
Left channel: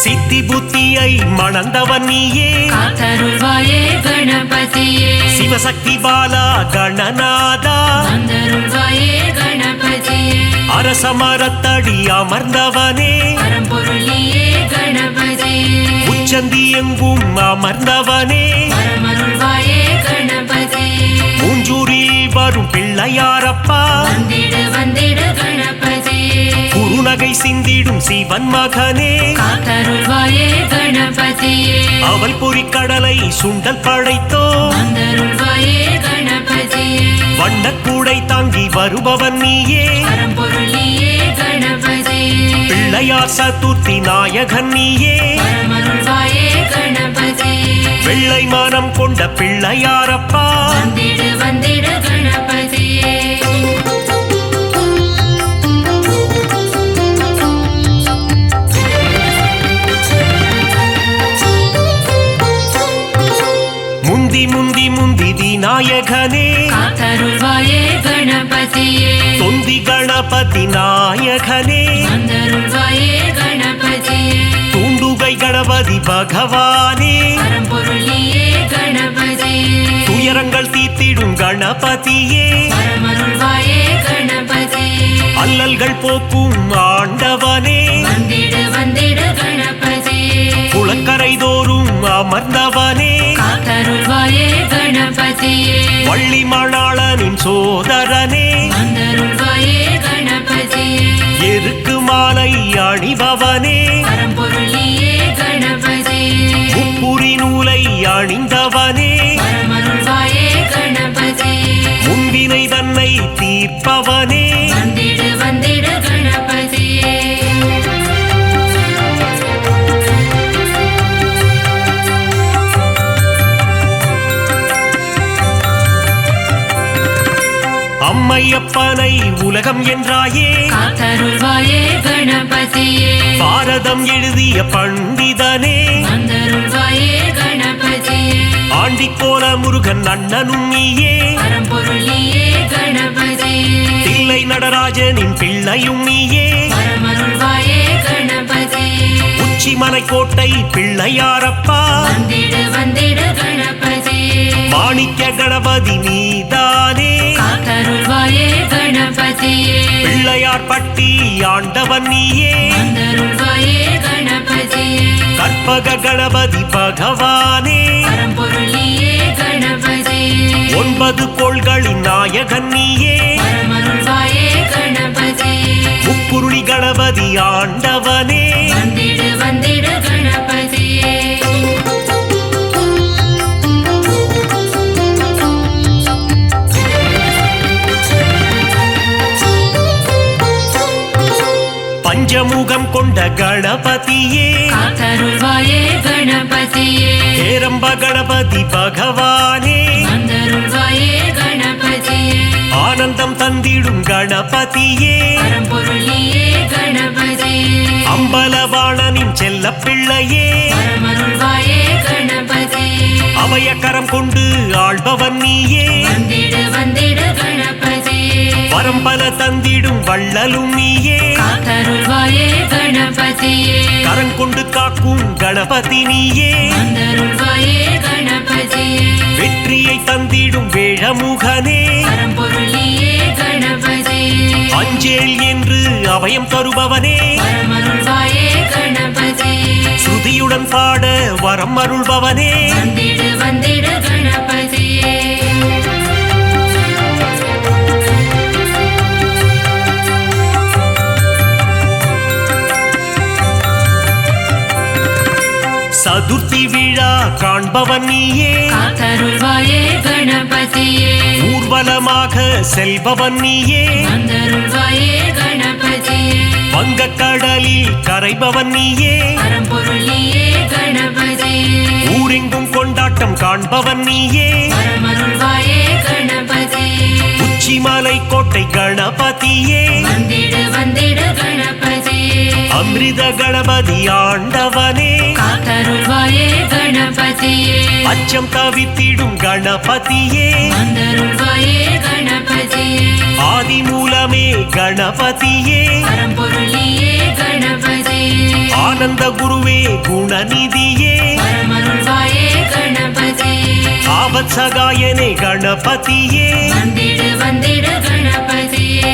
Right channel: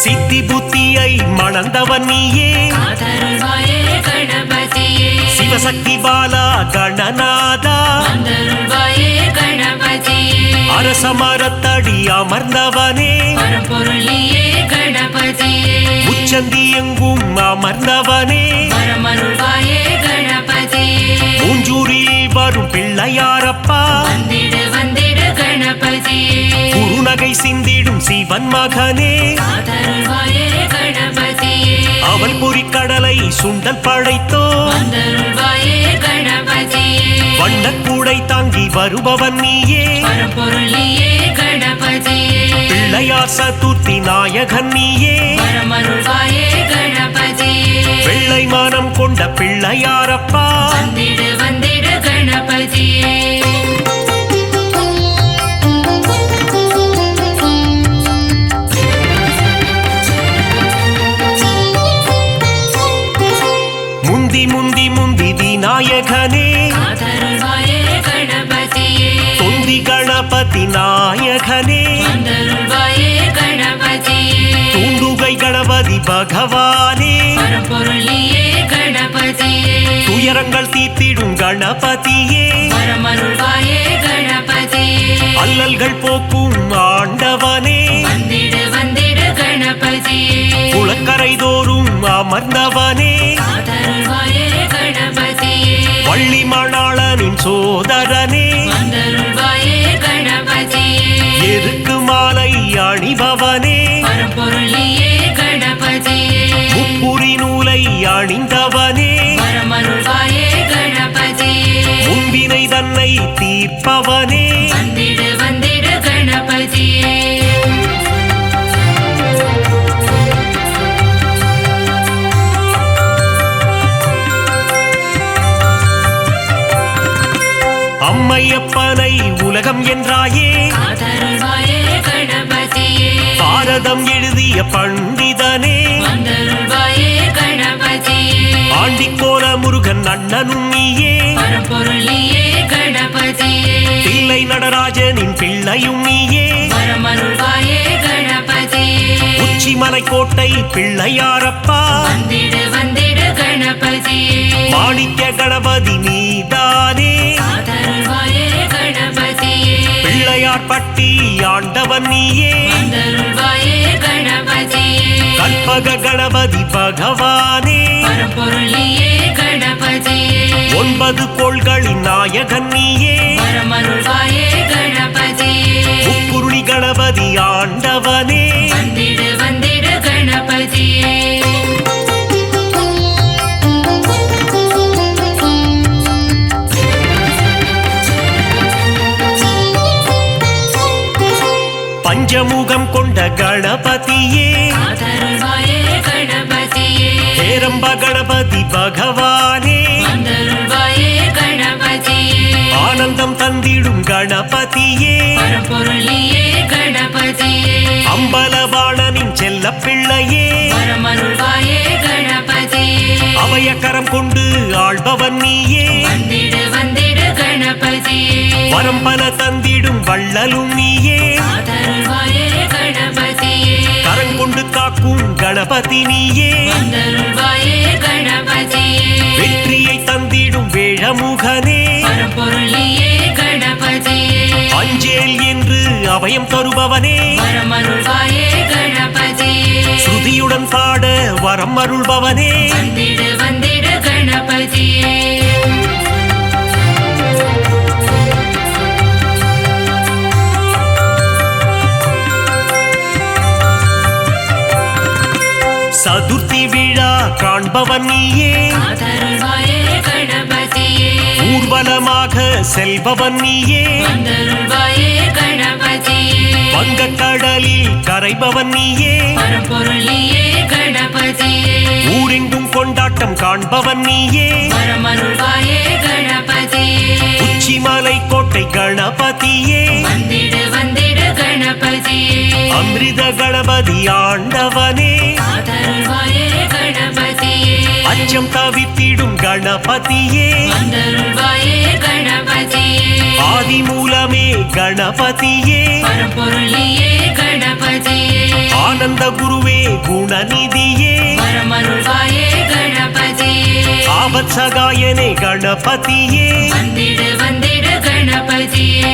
சித்தி புத்தியை மணந்தவன் நீயே காத்தருள்வாயே கணபதியே சிவசக்தி பாலா கணநாதா வந்தருள்வாயே கணபதியே அரச மரத்தடி அமர்ந்தவனே பரம்பொருளியே கணபதியே உச்சந்தி எங்கும் அமர்ந்தவனே பரமருள்வாயே கணபதியே மூஞ்சூரில் வரும் பிள்ளையாரப்பா வந்திடு வந்திடு கணபதியே குறுநகை சிந்திடும் சிவன் மகனே காத்தருள்வாயே கணபதியே அவள் பொறிக்கடலை சுண்டல் படைத்தோ வந்தருள்வாயே கணபதியே வண்ணக்கூடை தாங்கி வருபவன் நீயே பரம்பொருளியே கணபதியே பிள்ளையார் சதுர்த்தி நாயகன் நீயே பரமருள்வாயே கணபதியே வெள்ளை மானம் கொண்ட பிள்ளையாரப்பா வந்திடு வந்திடு கணபதியே முந்தி முந்தி முந்தி விநாயகனே காத்தருள்வாயே கணபதியே தொந்தி கணபதி நாயகனே வந்தருள்வாயே கணபதியே தூண்டுகை கணபதி பகவானே பரம்பொருளியே கணபதியே துயரங்கள் தீர்த்திடும் கணபதியே பரமருள்வாயே கணபதியே அல்லல்கள் போக்கும் ஆண்டவனே வந்திடு வந்திடு கணபதியே குளக்கரை தோறும் அமர்ந்தவனே காத்தருள்வாயே கணபதியே வள்ளி மணாளனின் சோதரனே வந்தருள்வாயே கணபதியே எருக்கு மாலை அணிபவனே பரம்பொருளியே கணபதியே முப்புரி நூலை அணிந்தவனே பரமருள்வாயே கணபதியே முன்பினை தன்னை தீர்ப்பவனே வந்திடு வந்திடு கணபதியே அம்மையப்பனை உலகம் என்றாயே காத்தருள்வாயே கணபதியே பாரதம் எழுதிய பண்டிதனே வந்தருள்வாயே கணபதியே ஆண்டிக்கோல முருகன் அண்ணனும் நீயே பரம்பொருளியே கணபதியே தில்லை நடராஜனின் பிள்ளையும் நீயே பரமருள்வாயே கணபதியே உச்சிமலை கோட்டை பிள்ளையாரப்பா வந்திடு வந்திடு கணபதியே மாணிக்க கணபதி நீதானே காத்தருள்வாயே கணபதியே பிள்ளையார் பட்டி ஆண்டவன் நீயே வந்தருள்வாயே கணபதியே கற்பக கணபதி பகவானே பரம்பொருளியே கணபதியே 9 கோள்களின் நாயகன் நீயே பரமருள்வாயே கணபதியே முக்குருணி கணபதி ஆண்டவனே வந்திடு வந்திடு கணபதியே பஞ்சமுகம் கொண்ட கணபதியே காத்தருள்வாயே கணபதியே ஹேரம்ப கணபதி பகவானே வந்தருள்வாயே கணபதியே ஆனந்தம் தந்திடும் கணபதியே பரம்பொருளியே கணபதியே அம்பலவாணனின் செல்ல பிள்ளையே பரமருள்வாயே கணபதியே அவையக்கரம் கொண்டு ஆள்பவன் நீயே வந்திடு வந்திடு கணபதியே வரம்பல தந்திடும் வள்ளலும் நீயே காத்தருள்வாயே கணபதியே கரங்கொண்டு காக்கும் கணபதி நீயே வந்தருள்வாயே கணபதியே வெற்றியை தந்திடும் வேழமுகனே பரம்பொருளியே கணபதியே அஞ்சேல் என்று அபயம் தருபவனே பரமருள்வாயே கணபதியே ஸ்ருதியுடன் பாட வரம் அருள்பவனே வந்திடு வந்திடு கணபதியே சதுர்த்தி விழா காண்பவன் நீயே காத்தருள்வாயே கணபதியே ஊர்வலமாக செல்பவன் நீயே வந்தருள்வாயே கணபதியே வங்கக்கடலில் கரைபவன் நீயே பரம்பொருளியே கணபதியே ஊரெங்கும் கொண்டாட்டம் காண்பவன் நீயே பரமருள்வாயே கணபதியே உச்சிமலை கோட்டை கணபதியே வந்திடு வந்திடு கணபதியே அமிர்த கணபதி ஆண்டவனே காத்தருள்வாயே கணபதியே அச்சம் தவித்திடும் கணபதியே வந்தருள்வாயே கணபதியே ஆதி மூலமே கணபதியே பரம்பொருளியே கணபதியே ஆனந்த குருவே குணநிதியே பரமருள்வாயே கணபதியே ஆபத் சகாயனே கணபதியே வந்திடு வந்திடு கணபதியே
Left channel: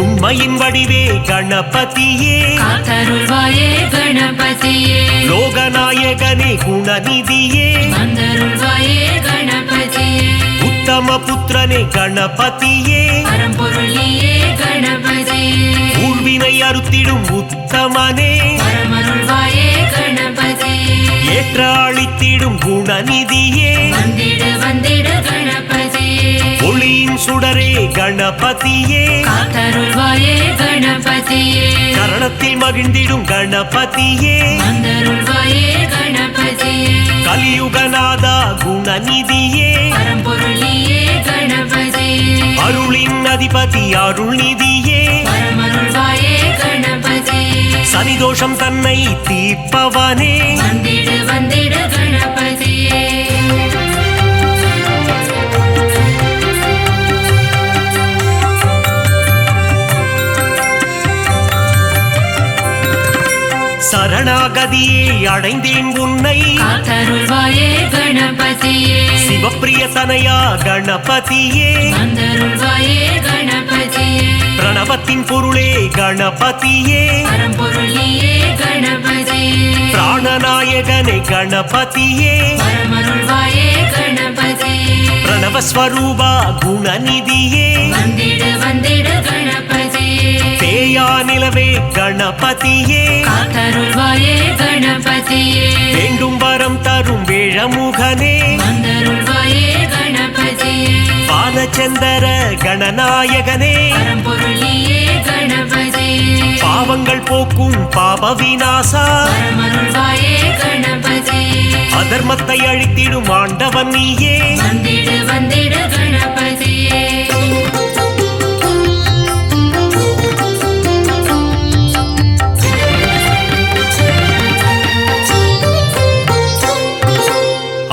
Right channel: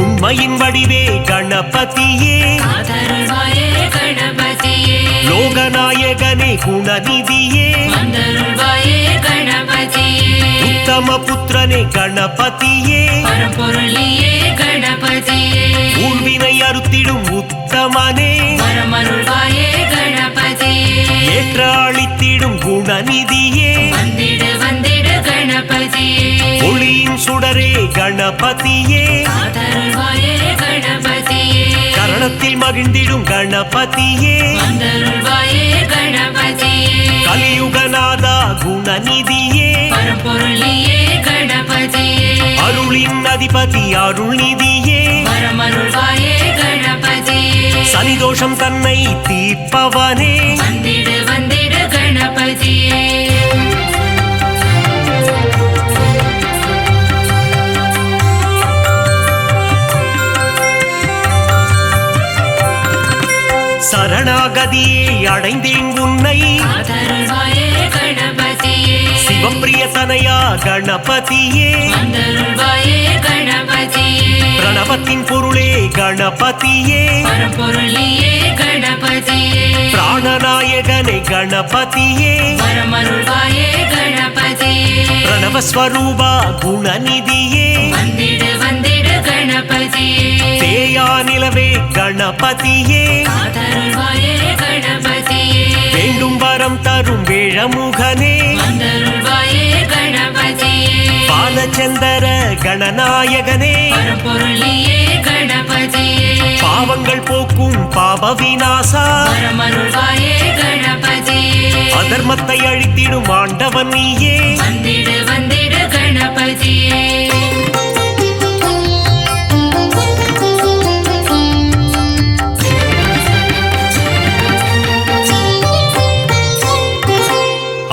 உண்மையின் வடிவே கணபதியே காத்தருள்வாயே கணபதியே லோகநாயகனே குணநிதியே வந்தருள்வாயே கணபதியே உத்தம புத்திரனே கணபதியே பரம்பொருளியே கணபதியே ஊழ்வினை அறுத்திடும் உத்தமனே பரமருள்வாயே கணபதியே ஏற்ற அளித்திடும் குணநிதியே வந்திடு வந்திடு கணபதியே ஒளியின் சுடரே கணபதியே காத்தருள்வாயே கணபதியே கரணத்தில் மகிழ்ந்திடும் கணபதியே வந்தருள்வாயே கணபதியே கலியுகநாதா குணநிதியே பரம்பொருளியே கணபதியே அருளின் அதிபதி அருள்நிதியே பரமருள்வாயே கணபதியே சனிதோஷம் தன்னை தீர்ப்பவனே வந்திடு வந்திடு கணபதியே சரணாகதியே அடைந்தேன் உன்னை காத்தருள்வாயே கணபதியே சிவப்பிரிய தனையா கணபதியே வந்தருள்வாயே கணபதியே பிரணவத்தின் பொருளே கணபதியே பரம்பொருளியே கணபதியே பிராணநாயகனே கணபதியே பரமருள்வாயே கணபதியே பிரணவஸ்வரூபா குணநிதியே வந்திடு வந்திடு கணபதியே தேயா நிலவே கணபதியே காத்தருள்வாயே கணபதியே வேண்டும் வரம் தரும் வேழமுகனே வந்தருள்வாயே கணபதியே பாலச்சந்தர கணநாயகனே பரம்பொருளியே கணபதியே பாவங்கள் போக்கும் பாப விநாசா பரமருள்வாயே கணபதியே அதர்மத்தை அழித்திடும் ஆண்டவன் நீயே வந்திடு வந்திடு கணபதியே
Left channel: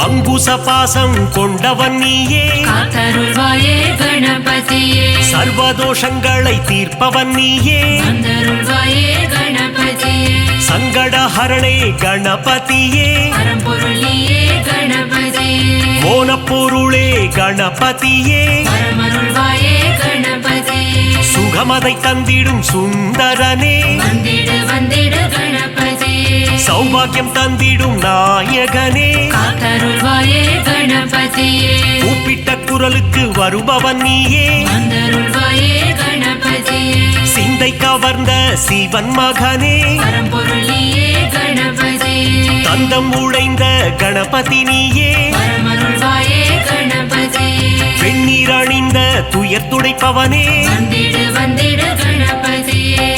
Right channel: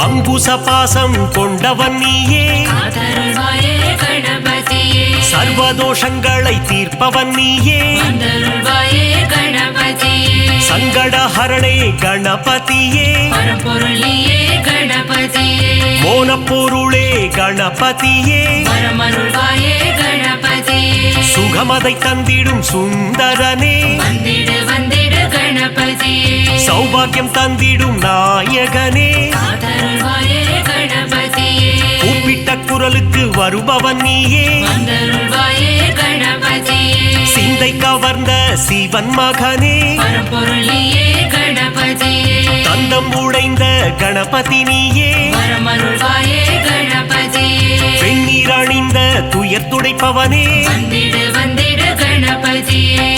அங்குச பாசம் கொண்டவன் நீயே காத்தருள்வாயே கணபதியே சர்வதோஷங்களை தீர்ப்பவன் நீயே வந்தருள்வாயே கணபதியே சங்கடஹரணே கணபதியே பரம்பொருள் நீயே கணபதியே மோனப்பொருளே கணபதியே பரமருள்வாயே கணபதியே சுகமதை தந்திடும் சுந்தரனே வந்திடு வந்திடு கணபதியே சௌபாகியம் தந்திடும் நாயகனே காத்தருள்வாயே கணபதியே கூப்பிட்ட குரலுக்கு வருபவன் நீயே வந்தருள்வாயே கணபதியே சிந்தை கவர்ந்த சிவன் மகனே பரம்பொருள் நீயே கணபதியே தந்தம் உடைந்த கணபதி நீயே பரமருள்வாயே கணபதியே வெண்ணீர் அணிந்த துயர் துடைப்பவனே வந்திடு வந்திடு கணபதியே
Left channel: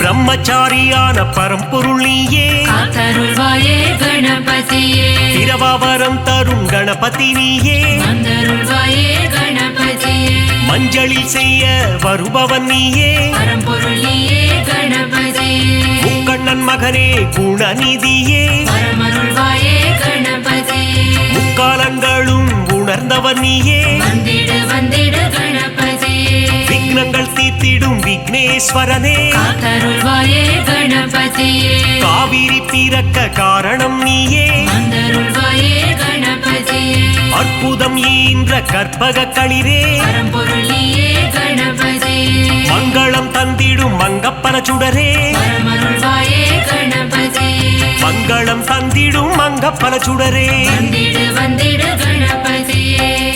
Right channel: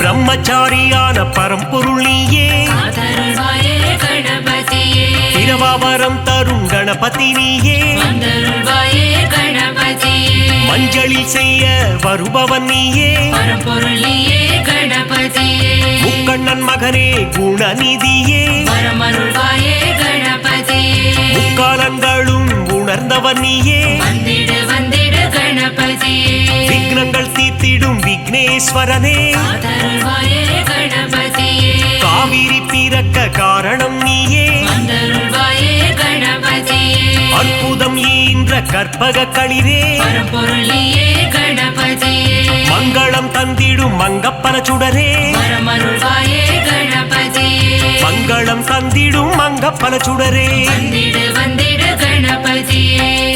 பிரம்மச்சாரியான பரம்பொருள் நீயே காத்தருள்வாயே கணபதியே பிரபாவரம் தரும் கணபதி நீயே வந்தருள்வாயே கணபதியே மஞ்சளில் செய்ய வருபவன் நீயே பரம்பொருள் நீயே கணபதியே முக்கண்ணன் மகனே குணநிதியே பரமருள்வாயே கணபதியே முக்காலங்களும் உணர்ந்தவன் நீயே வந்திடு வந்திடு கணபதியே விக்னங்கள் தீர்த்திடும் விக்னேஸ்வரனே காத்தருள்வாயே கணபதியே காவிரி பிறக்க காரணம் நீயே வந்தருள்வாயே கணபதியே அற்புதம் ஈன்ற கற்பக களிரே பரம்பொருள் நீயே கணபதியே மங்களம் தந்திடும் மங்கப்பன சுடரே